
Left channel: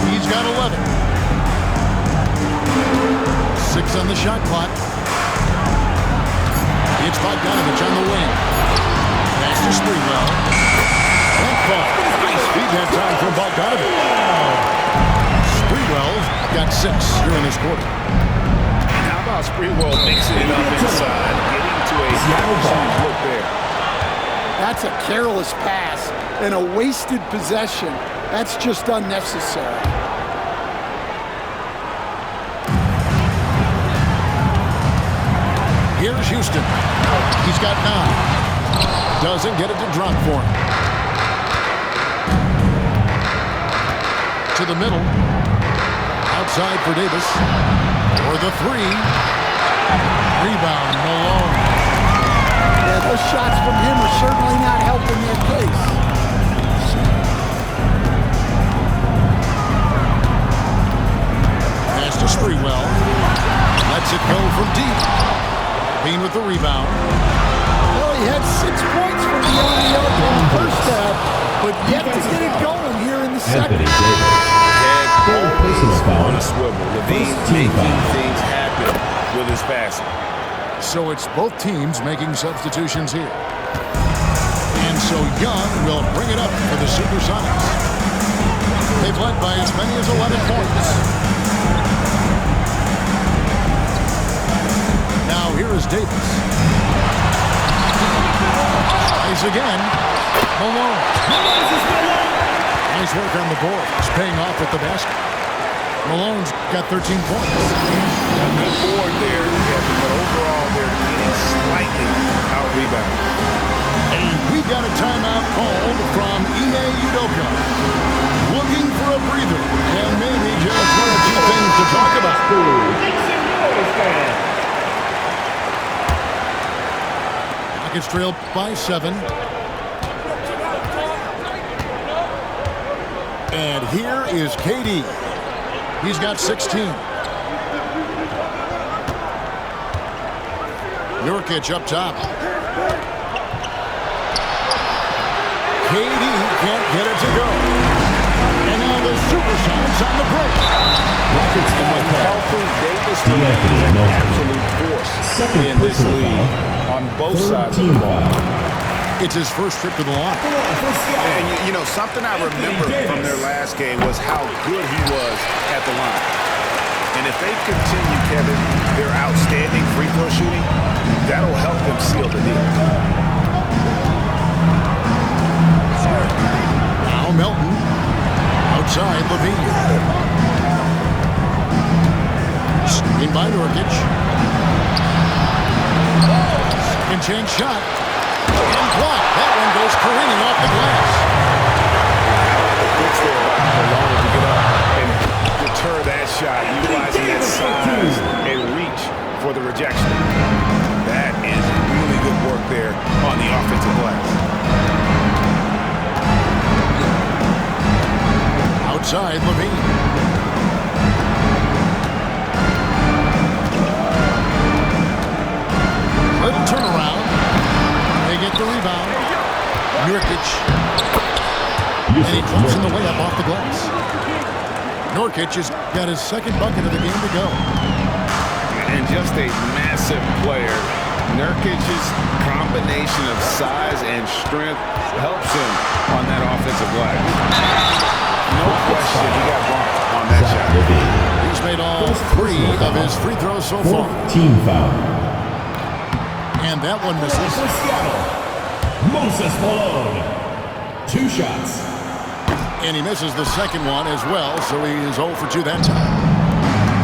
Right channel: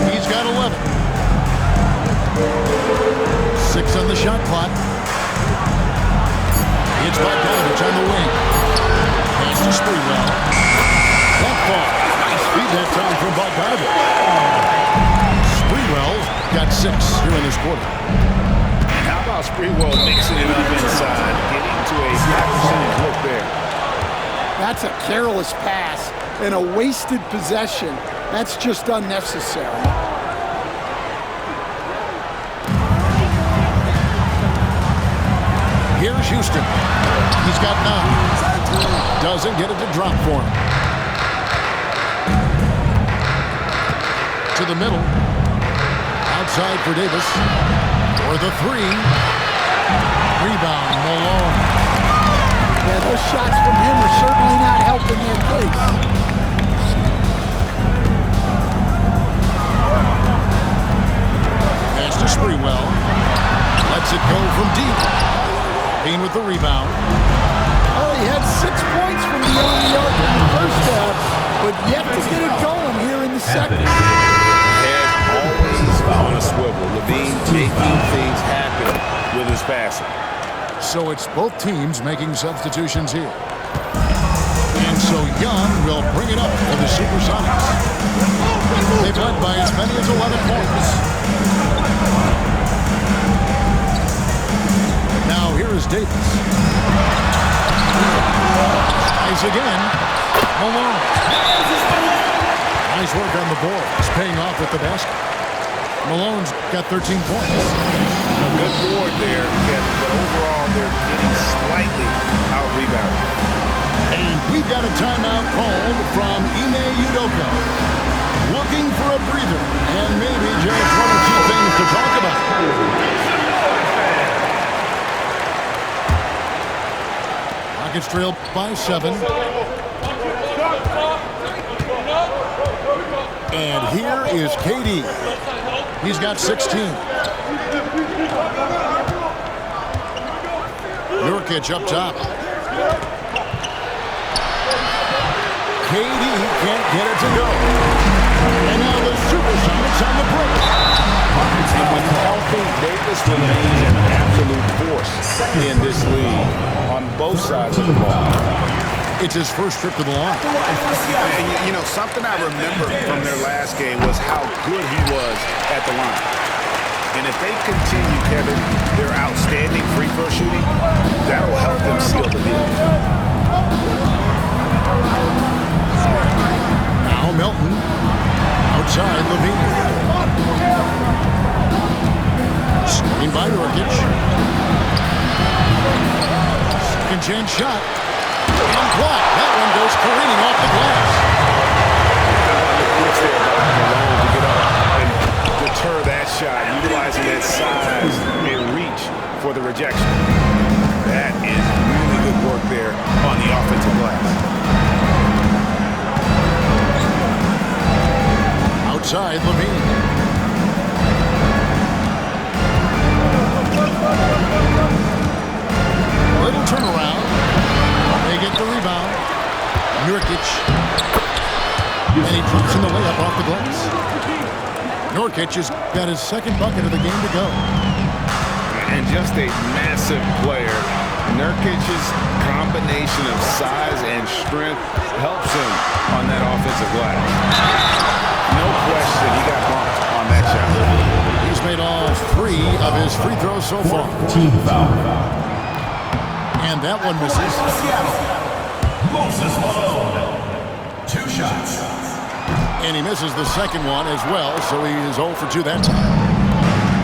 He's got 11. 6 on the shot clock. It's Bogdanovich on the wing. Pass to Sprewell. That ball. Nice feed that time from Bogdanovich. Sprewell's got 6 here in this quarter. And how about Sprewell mixing it up inside, getting to a high percentage look there. That's a careless pass and a wasted possession. That's just unnecessary. Here's Houston. He's got 9. Doesn't get it to drop for him. To the middle. Outside for Davis. For the 3. Rebound, Malone. Yeah, those shots from him are certainly not helping their case. Pass to Sprewell. Lets it go from deep. Bean with the rebound. Well, he had 6 points from beyond the arc in the first half, but yet to get it going here in the second. Head always on a swivel. LaVine making things happen with his passing. So it's both teams making substitutions here. And so Young will bring it up for the Supersonics. They've led by as many as 11 points. Now here is Davis. Tries again. Malone. Nice work on the board. It's paying off at the basket. Malone's got 13 points. A good board there, Kevin, but overall they're getting slightly out-rebounded. And we've got a timeout called from Ime Udoka. Looking for a breather and maybe just 1 or 2 things to talk about. Rockets trail by 7. And here is KD. He's got 16. Nurkic up top. KD can't get it to go. And now the Supersonics on the break. And when healthy, Davis remains an absolute force in this league on both sides of the ball. It's his first trip to the line. And you know, something I remember from their last game was how good he was at the line. And if they continue, Kevin, their outstanding free throw shooting, that'll help them seal the deal. Now Melton. Outside LaVine. Screen by Nurkic. Second chance shot. And blocked. That one goes careening off the glass. How about the quick there by Malone to get up and deter that shot, utilizing that size and reach for the rejection. That is really good work there on the offensive glass. Outside LaVine. Little turnaround. They get the rebound. Nurkic. And he drops in the layup off the glass. Nurkic has got his second bucket of the game to go. And just a massive player. Nurkic's combination of size and strength helps him on that offensive glass. No question, he got bumped on that shot. He's made all 3 of his free throws so far. Team foul. And that one misses. Moses Malone. 2 shots. And he misses the second one as well, so he is 0 for 2 that time.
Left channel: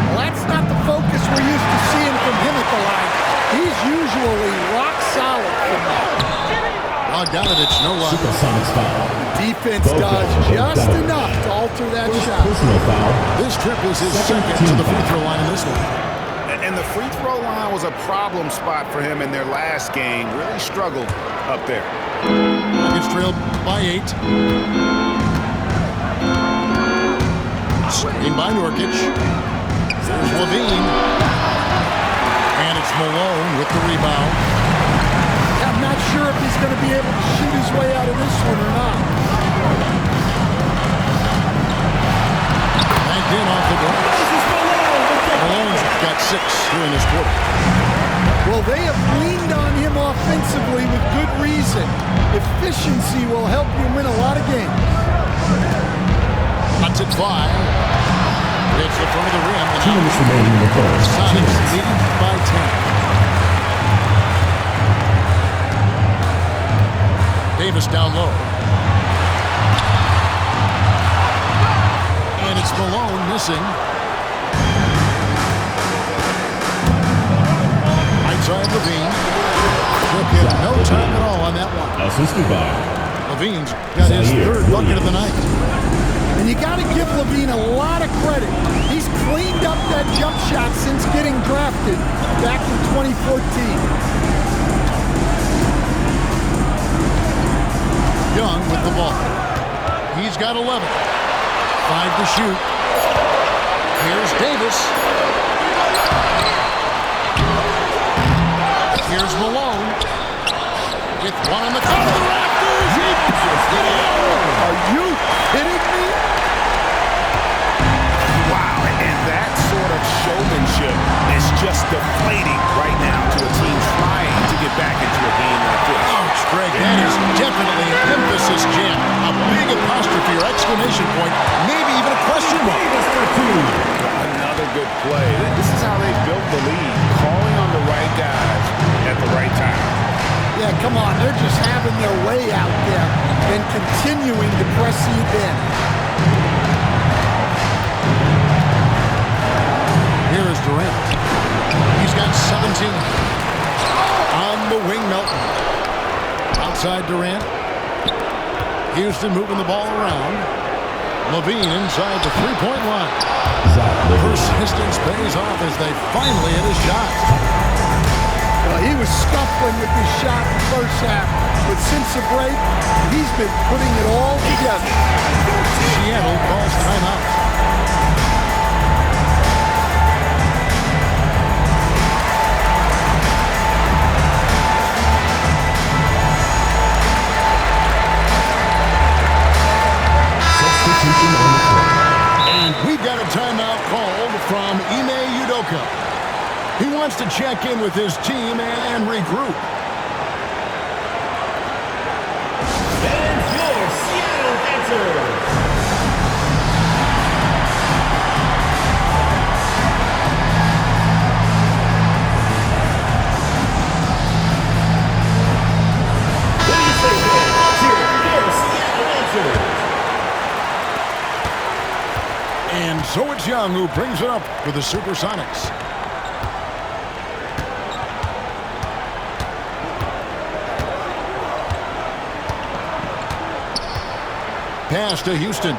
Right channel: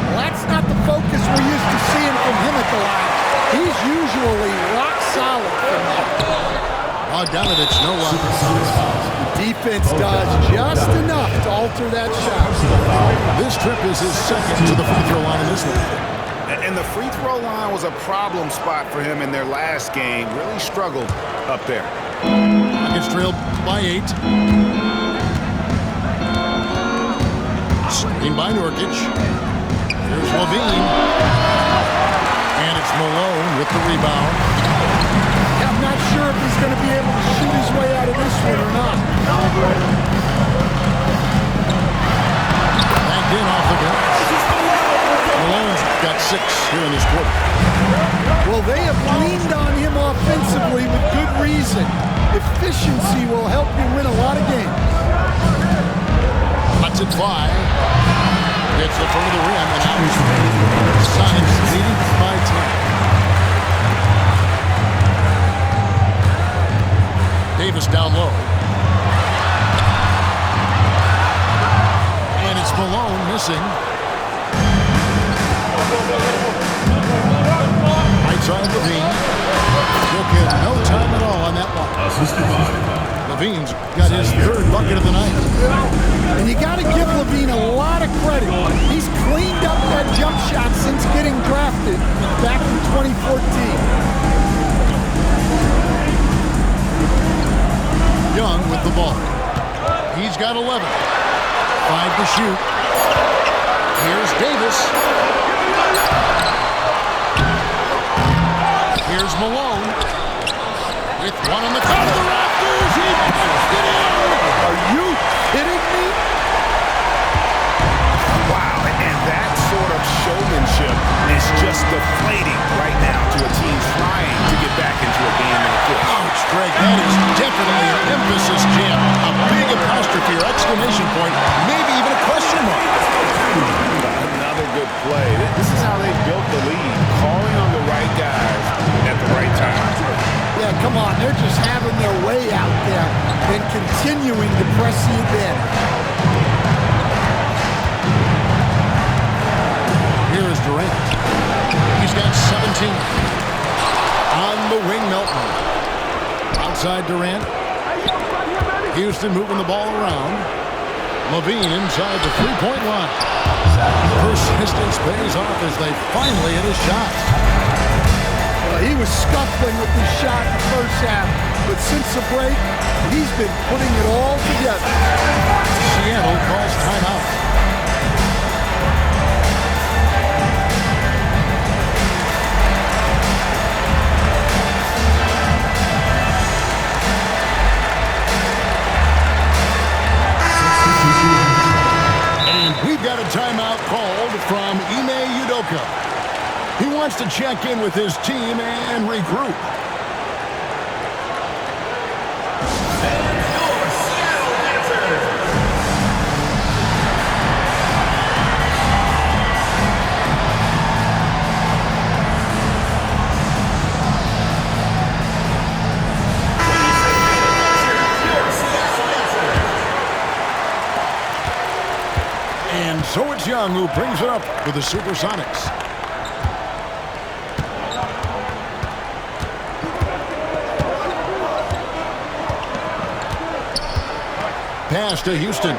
Well, that's not the focus we're used to seeing from him at the line. He's usually rock solid from that. Bogdanovich, no luck. Supersonics foul. The defense does just enough to alter that shot. Personal foul. This trip is his second to the free throw line in this one. And the free throw line was a problem spot for him in their last game. Really struggled up there. Rockets trailed by 8. Screen by Nurkic. There's LaVine. And it's Malone with the rebound. I'm not sure if he's going to be able to shoot his way out of this one or not. bagged in off the glass. Malone's got 6 here in this quarter. Well, they have leaned on him offensively with good reason. Efficiency will help you win a lot of games. Lets it fly. Hits the front of the rim. And Times remaining in the first. Sonics leading by 10. Davis down low. And it's Malone missing. Right side Levine. Took him no time at all on that one. Assisted by Levine's got his 3rd bucket of the night. And you got to give Levine a lot of credit. He's cleaned up that jump shot since getting drafted back in 2014. Young with the ball. He's got 11. 5 to shoot. Here's Davis. Here's Malone. With one on the top of the rafters. He punched it in. Are you kidding me? Wow, and that sort of showmanship is just deflating right now to a team trying to get back into a game like this. Ouch, Greg, that is definitely an emphasis jam. A big apostrophe or exclamation point, maybe even a question mark. Another good play. This is how they built the lead, calling on the right guys at the right time. Yeah, come on. They're just having their way out there and continuing to press the advantage. Here is Durant. He's got 17. On the wing, Melton. Outside Durant. Houston moving the ball around. Levine inside the three-point line. Persistence pays off as they finally hit a shot. Well, he was scuffling with his shot in the first half, but since the break, he's been putting it all together. Seattle calls timeout. And we've got a timeout called from Ime Udoka. He wants to check in with his team and regroup. And your Seattle Dancers. What do you say, fans? Here, your Seattle Dancers. And so it's Young who brings it up for the Supersonics. Pass to Houston.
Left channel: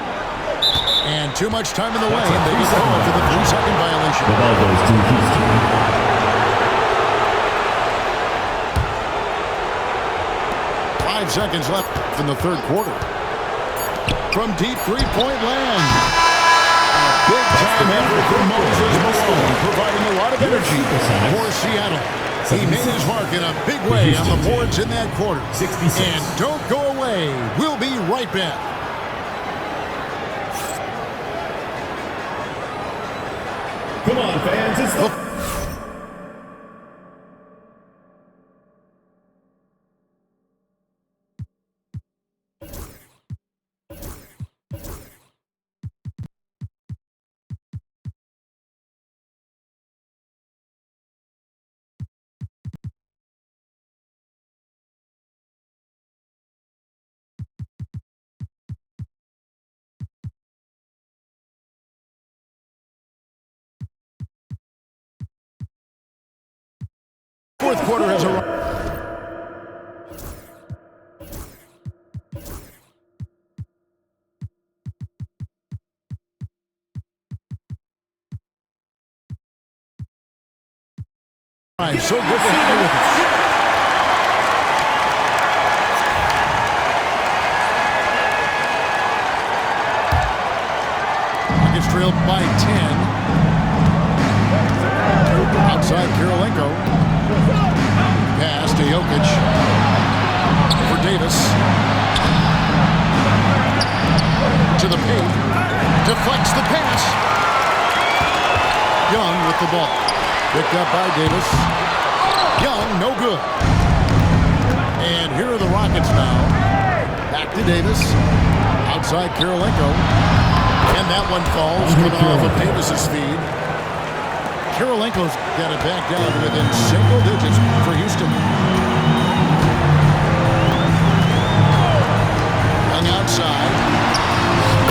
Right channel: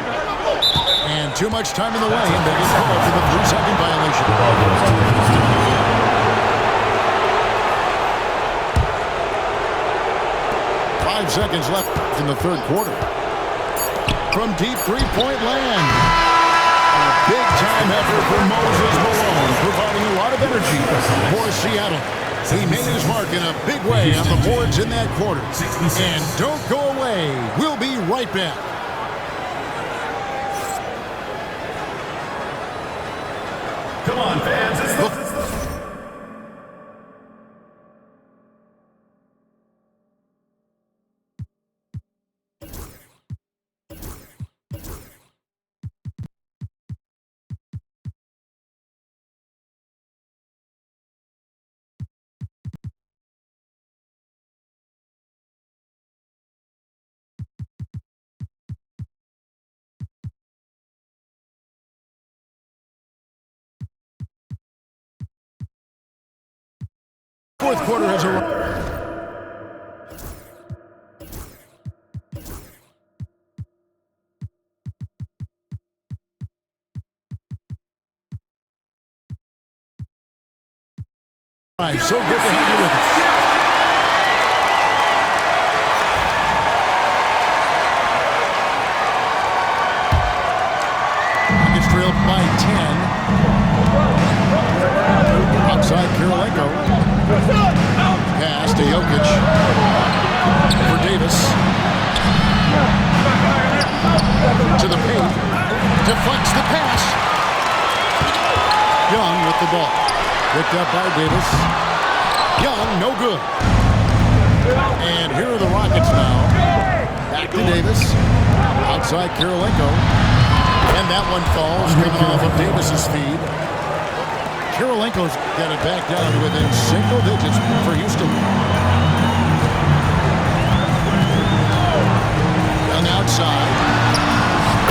And too much time in the way, and they get called for the 3-second violation. The ball goes to Houston. 5 seconds left in the third quarter. From deep three-point land. A big-time effort for Moses Malone, providing a lot of energy for Seattle. He made his mark in a big way on the boards in that quarter. And don't go away. We'll be right back. Come on, fans. It's the... Fourth quarter has arrived. So good to have you with us. Rockets trailed by 10. Outside Kirilenko. Pass to Jokic. For Davis. To the paint. Deflects the pass. Young with the ball. Picked up by Davis. Young, no good. And here are the Rockets now. Back to Davis. Outside Kirilenko. And that one falls, coming off of Davis's feed. Kirilenko's got it back down to within single digits for Houston. Young outside.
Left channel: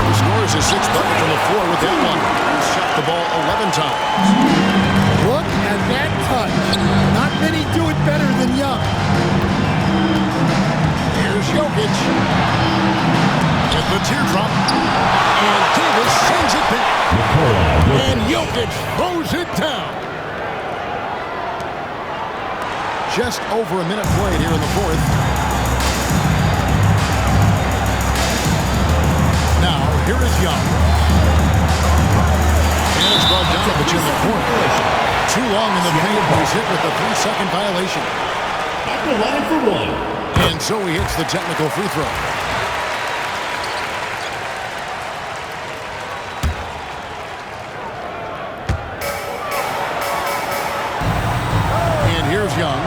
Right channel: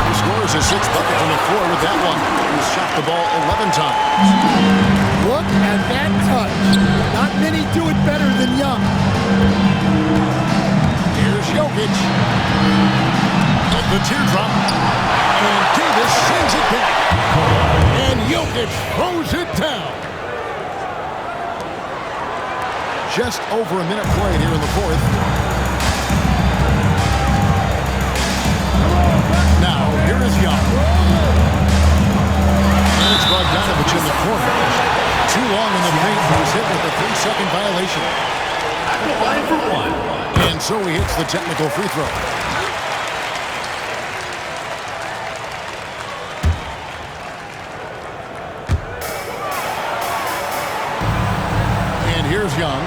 He scores his sixth bucket from the floor with that one. He's shot the ball 11 times. Look at that touch. Not many do it better than Young. Here's Jokic. With the teardrop. And Davis sends it back. And Jokic throws it down. Just over a minute played here in the fourth. Now, here is Young. And it's Bogdanovich in the corner. Too long in the paint. He's hit with a 3-second violation. At the line for one. And so he hits the technical free throw. And here's Young.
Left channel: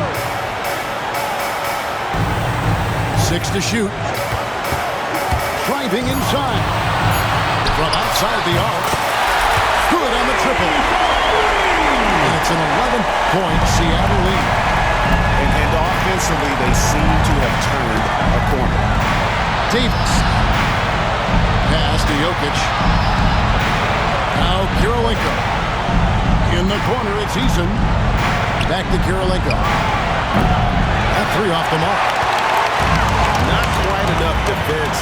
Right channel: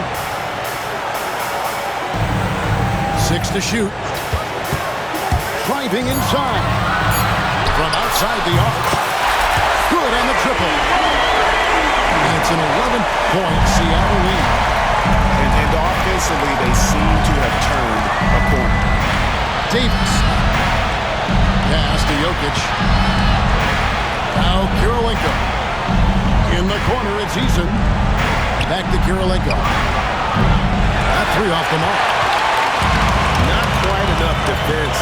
6 to shoot. Driving inside. From outside the arc. Good on the triple. And it's an 11-point Seattle lead. And offensively, they seem to have turned a corner. Davis. Pass to Jokic. Now Kirilenko. In the corner, it's Eason. Back to Kirilenko. That three off the mark. Not quite enough defense.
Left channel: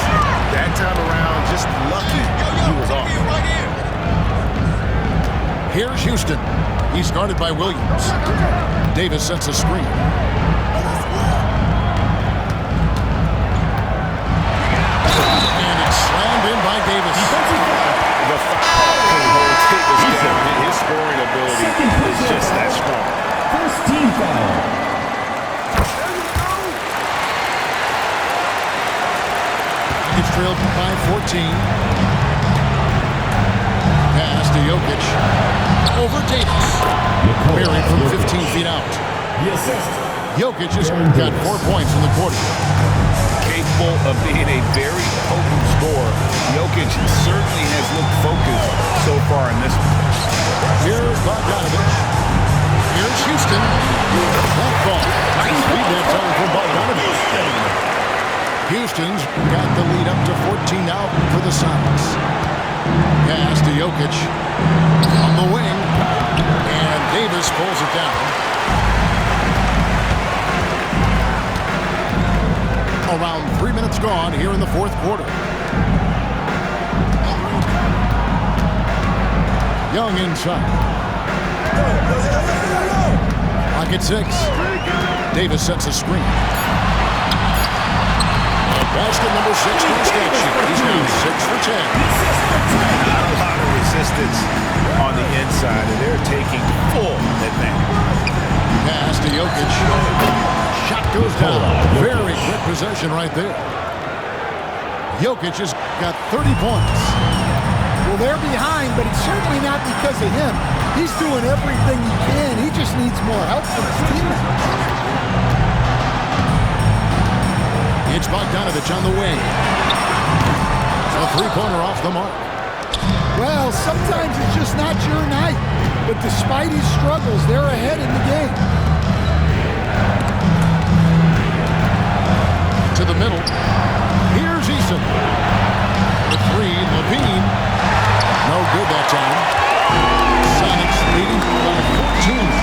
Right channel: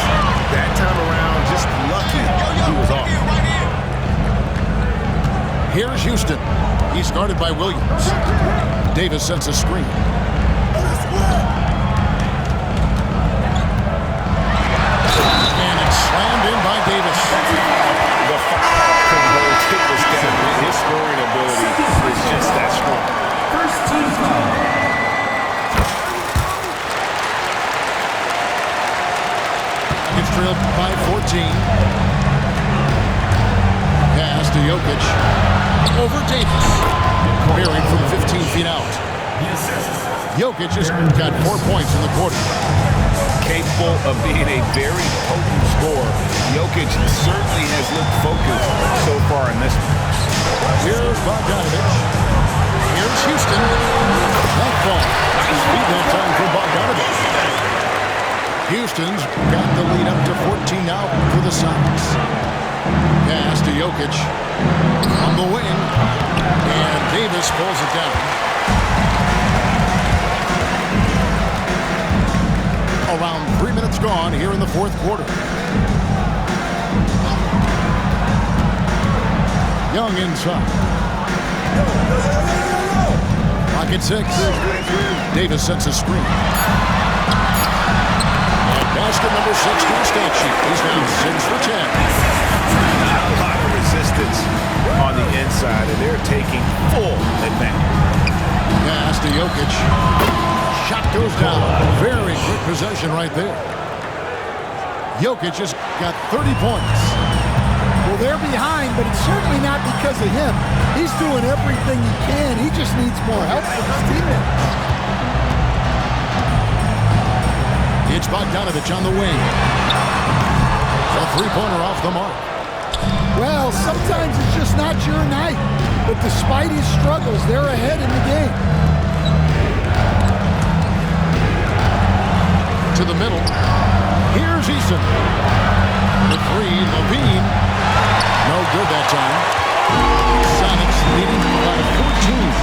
That time around, just lucky he was off. Here's Houston. He's guarded by Williams. Davis sets a screen. And it's slammed in by Davis. The foul can hold Davis down. His scoring ability is just that strong. First team foul. Rockets trailed by 14. Pass to Jokic. Over Davis. Buried from 15 feet out. The assist. Jokic has got 4 points in the quarter. Capable of being a very potent scorer, Jokic certainly has looked focused so far in this one. Here's Bogdanovich. Here's Houston. That ball. Nice speed that time from Bogdanovich. Houston's got the lead up to 14 now for the Sonics. Pass to Jokic. On the wing. And Davis pulls it down. Around 3 minutes gone here in the fourth quarter. Young inside. Rocket 6. Davis sets a screen. And basket number 6 to his stat sheet. He's now 6 for 10. Not a lot of resistance on the inside, and they're taking full advantage. Pass to Jokic. Shot goes down. Very quick possession right there. Jokic has got 30 points. Well, they're behind, but it's certainly not because of him. He's doing everything he can. He just needs more help from his teammates. It's Bogdanovich on the wing. A three-pointer off the mark. Well, sometimes it's just not your night. But despite his struggles, they're ahead in the game. To the middle. Here's Eason. The three, Levine. No good that time. Sonics leading by 14.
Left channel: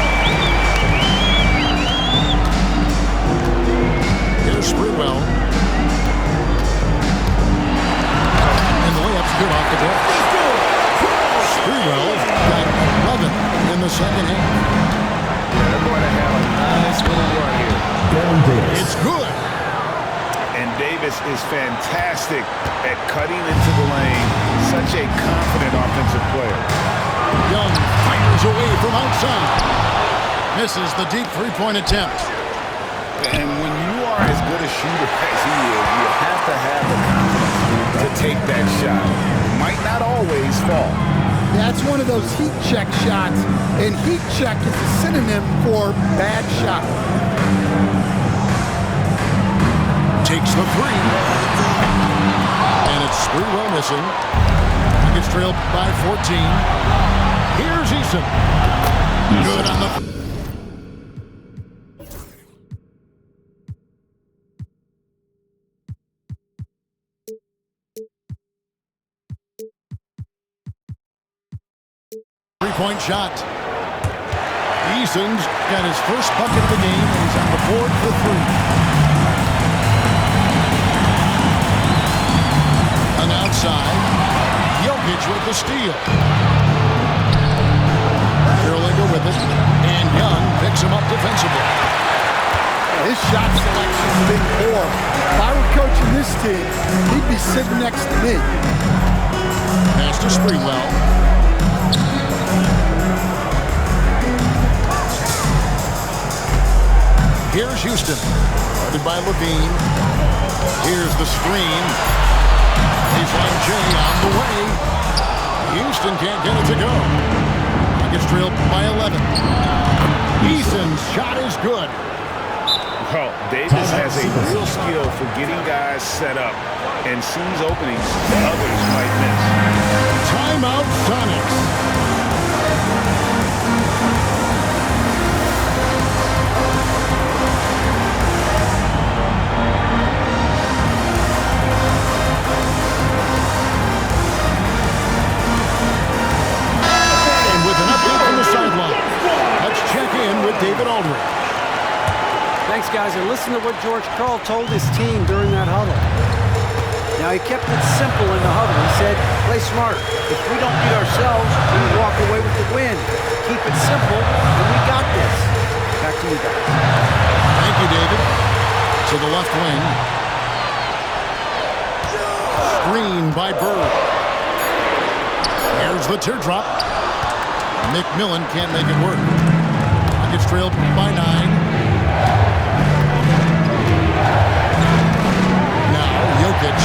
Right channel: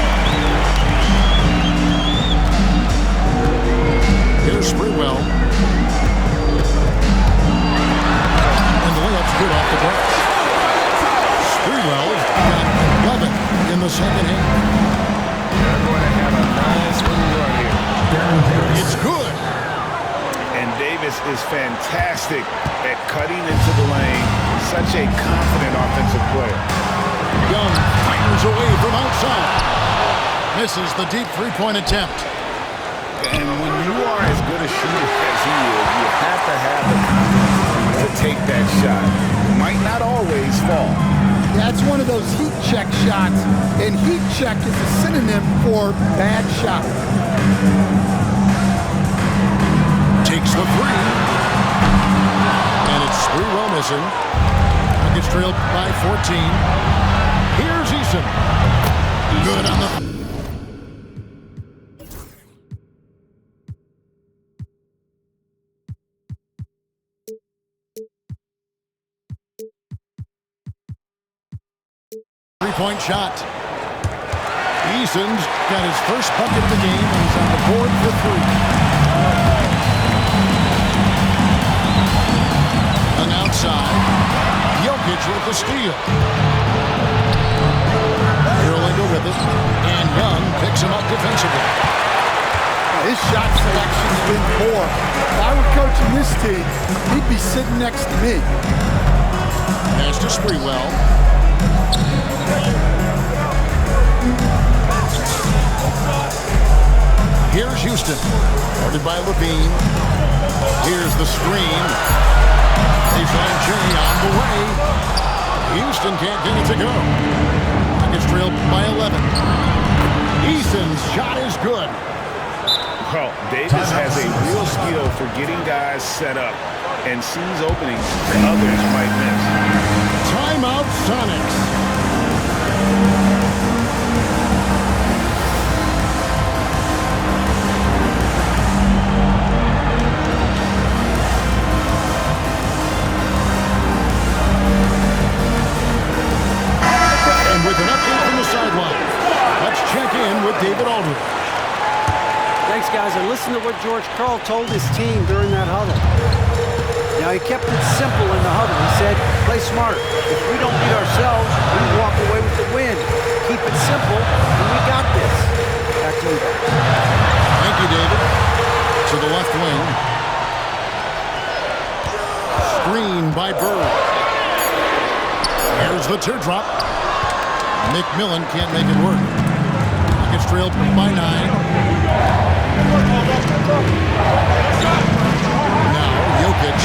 Here's Sprewell. And the layup's good off the glass. Sprewell got 11 in the second half. They're going to have a nice little run here. It's good. And Davis is fantastic at cutting into the lane. Such a confident offensive player. Young fires away from outside. Misses the deep three-point attempt. And when you are as good a shooter as he is, you have to have the confidence to to take that shot. Might not always fall. That's one of those heat check shots, and heat check is a synonym for bad shot. Takes the three. And it's Sprewell missing. Rockets trail by 14. Here's Eason. Good on the... Three-point shot. Eason's got his first bucket of the game, and he's on the board for three. And outside, Jokic with the steal. Karolinko with it, and Young picks him up defensively. His shot selection's been poor. If I were coaching this team, he'd be sitting next to me. Pass to Sprewell. Here's Houston, guarded by Levine. Here's the screen. Baseline J on the way. Houston can't get it to go. Rockets trail by 11. Eason's shot is good. Well, Davis has a real skill for getting guys set up and sees openings others might miss. Timeout Sonics. With an update from the sideline, let's check in with David Aldridge. Thanks, guys. And listen to what George Karl told his team during that huddle. Now, he kept it simple in the huddle. He said, play smart. If we don't beat ourselves, we walk away with the win. Keep it simple, and we got this. Back to you guys. Thank you, David. To the left wing. Screen by Bird. Here's the teardrop. McMillan can't make it work. Rockets trail by 9. Now Jokic.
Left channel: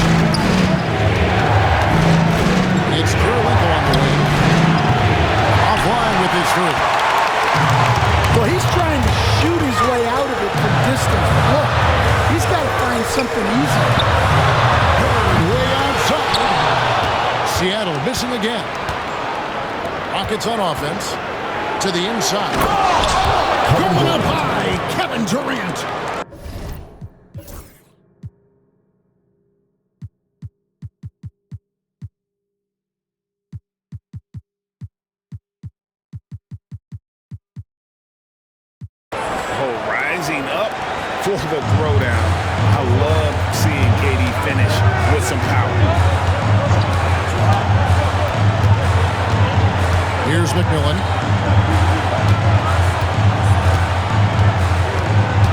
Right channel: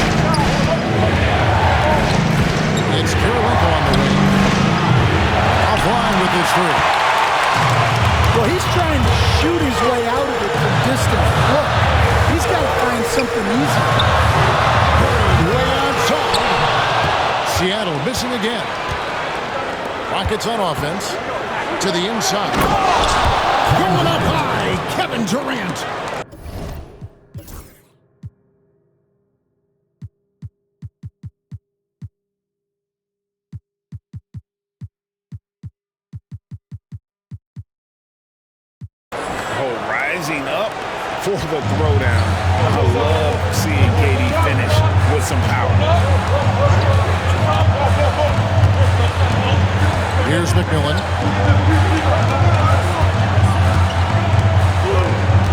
It's Karolinko on the wing. Offline with his three. Well, he's trying to shoot his way out of it from distance. Look, he's got to find something easy. Bird way outside. Seattle missing again. Rockets on offense to the inside. Going up high, Kevin Durant. Oh, rising up for the throwdown. I love seeing KD finish with some power. Here's McMillan.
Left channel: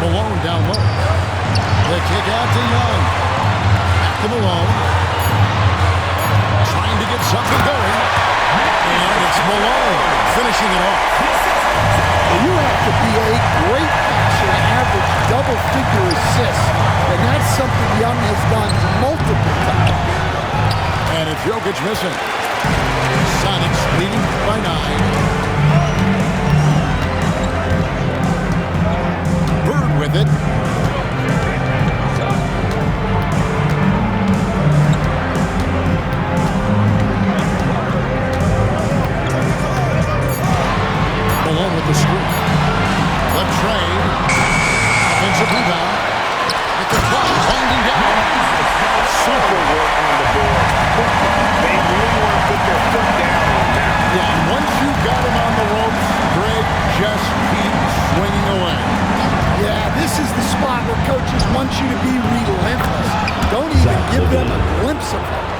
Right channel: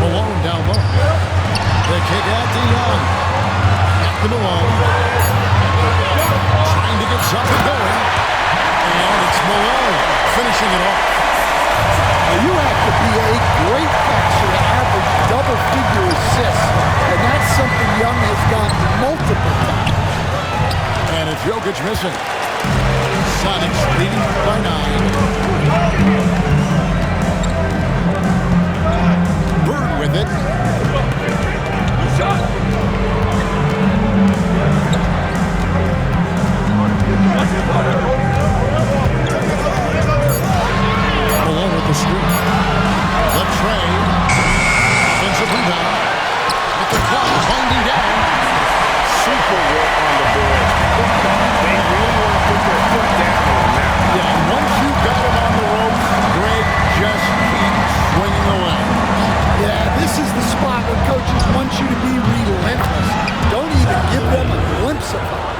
Malone down low. The kick out to Young. Back to Malone. Trying to get something going. And it's Malone finishing it off. You have to be a great passer to average double-figure assists. And that's something Young has done multiple times. And it's Jokic missing. Sonics leading by 9. Bird with it. Malone with the screen. Latrey. Offensive rebound. With the clock winding down. Super work on the board. They really want to put their foot down on that. Yeah, and once you've got him on the ropes, Greg, just keep swinging away. Yeah, this is the spot where coaches want you to be relentless. Don't even give them a glimpse of hope.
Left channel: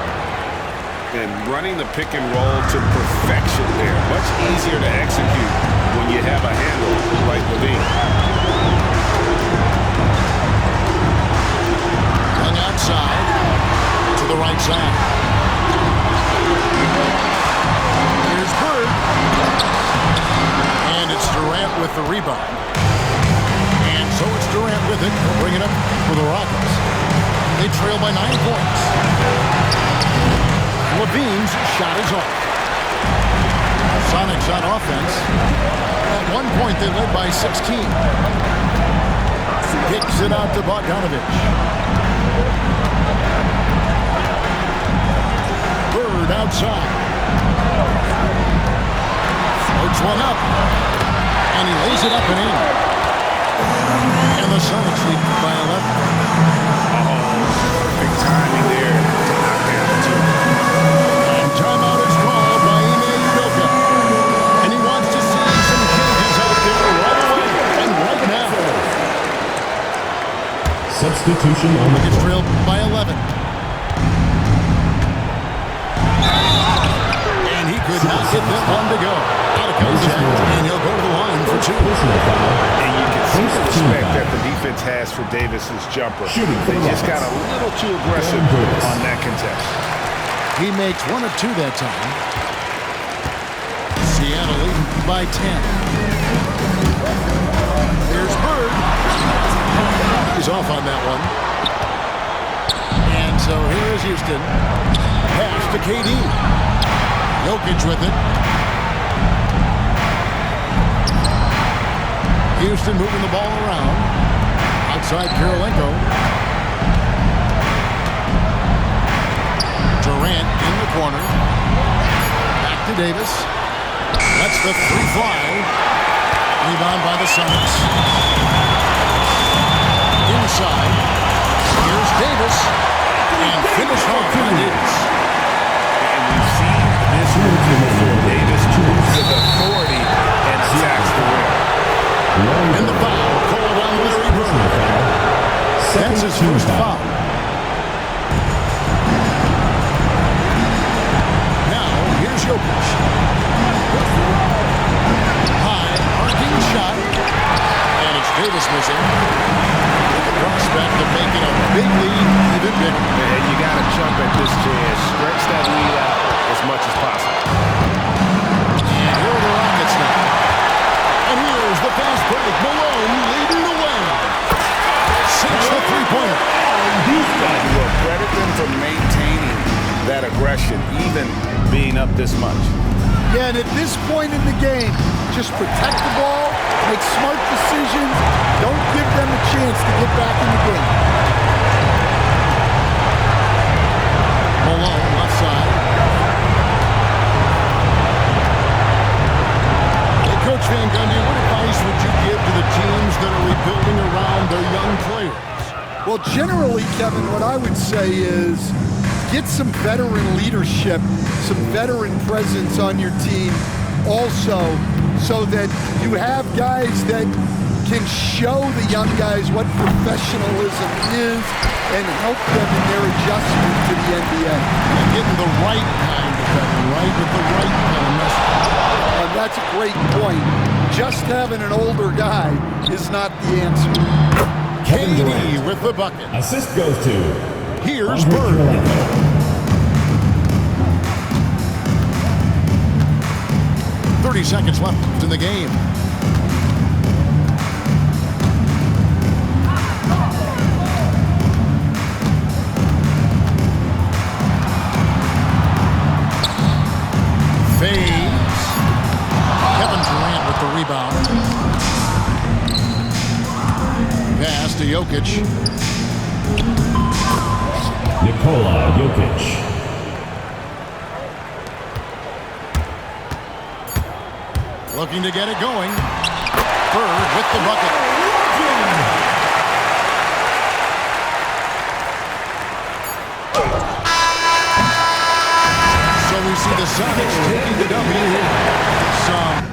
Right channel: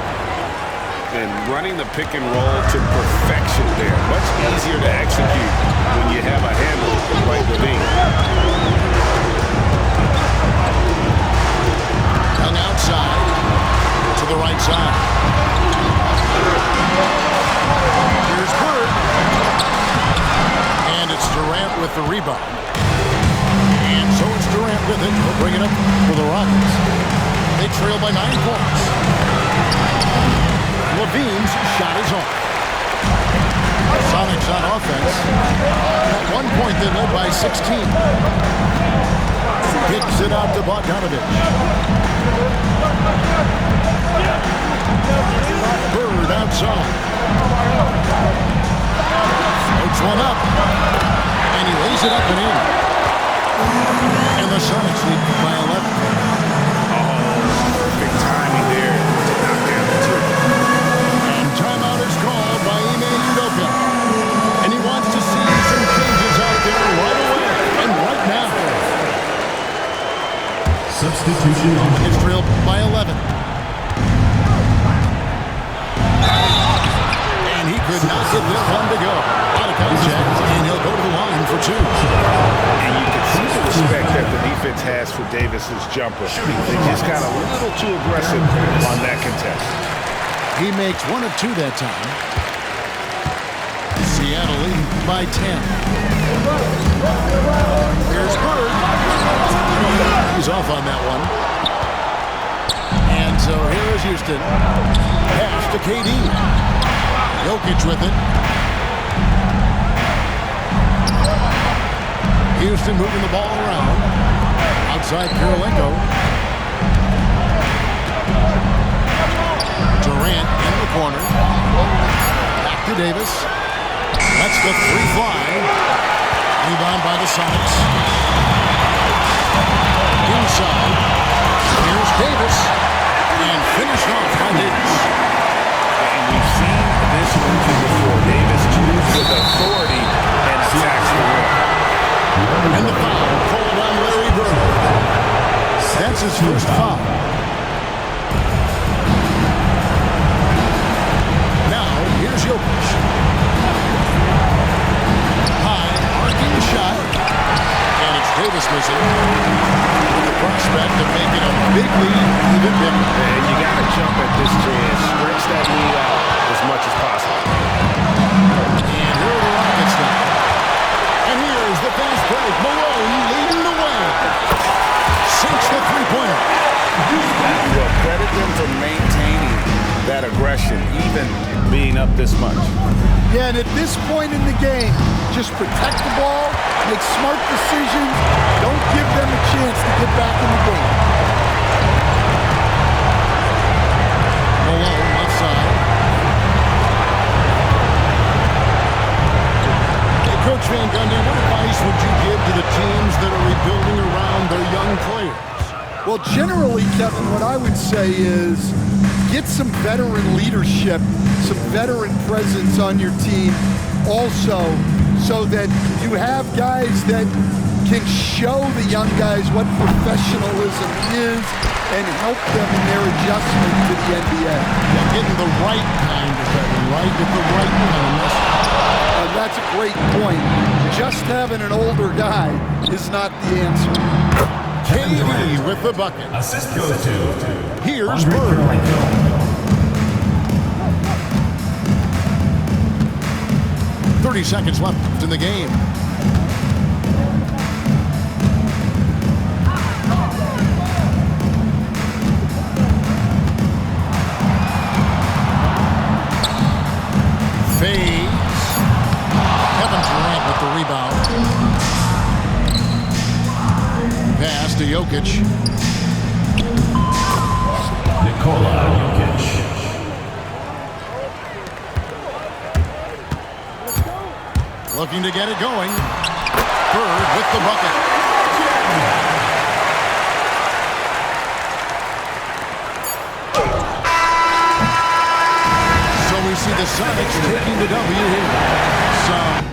And running the pick and roll to perfection there. Much easier to execute when you have a handle like Levine. Young outside to the right side. Here's Bird. And it's Durant with the rebound. And so it's Durant with it. He'll bring it up for the Rockets. They trail by 9 points. Levine's shot is off. Sonics on offense. At one point, they led by 16. Kicks it out to Bogdanovich. Bird outside. Floats one up. And he lays it up and in. And the Sonics lead by 11. Perfect timing there to knock down the two. And timeout is called by Ime Udoka. And he wants to see some changes out there right away and right now. Substitution on the It's trailed by 11. And he could not get that one to go. Out of contact, and he'll go to the line for 2. And you can see the respect that the defense has for Davis's jumper. They just got a little too aggressive on that contest. He makes 1 of 2 that time. Seattle leading by 10. Here's Bird. He's off on that one. And so here is Houston. Pass to KD. Jokic with it. Houston moving the ball around. Outside Kirilenko. Durant in the corner. Back to Davis. Lets the 3 fly. Rebound by the Sonics. Inside. Here's Davis. And finished off by Davis. And we've seen this movie before. Davis moves with authority and attacks the rim. And the foul called on Larry Bird. That's his first foul. Now, here's Jokic. High, arcing shot. And it's Davis missing. With the prospect of making a big lead even bigger. And you got to jump at this chance. Stretch that lead out as much as possible. And here are the Rockets now. And here's the fast break. Malone leading the way. Sinks the three-pointer. You will credit them for maintaining that aggression, even being up this much. Yeah, and at this point in the game, just protect the ball, make smart decisions, don't give them a chance to get back in the game. Malone, left side. Hey, Coach Van Gundy, what advice would you give to the teams that are rebuilding around their young players? Well, generally, Kevin, what I would say is get some veteran leadership, some veteran presence on your team also, so that you have guys that can show the young guys what professionalism is and help them in their adjustment to the NBA. Yeah, getting the right kind of veteran, right? With the right kind of message. That's a great point. Just having an older guy is not the answer. KD with the bucket. assist goes to Here's Andre Bird. Kirilenko. 30 seconds left in the game. Fades. Kevin Durant with the rebound. Pass to Jokic. Nikola Jokic. Looking to get it going. Bird with the bucket. So we see the Sonics taking the W here. Some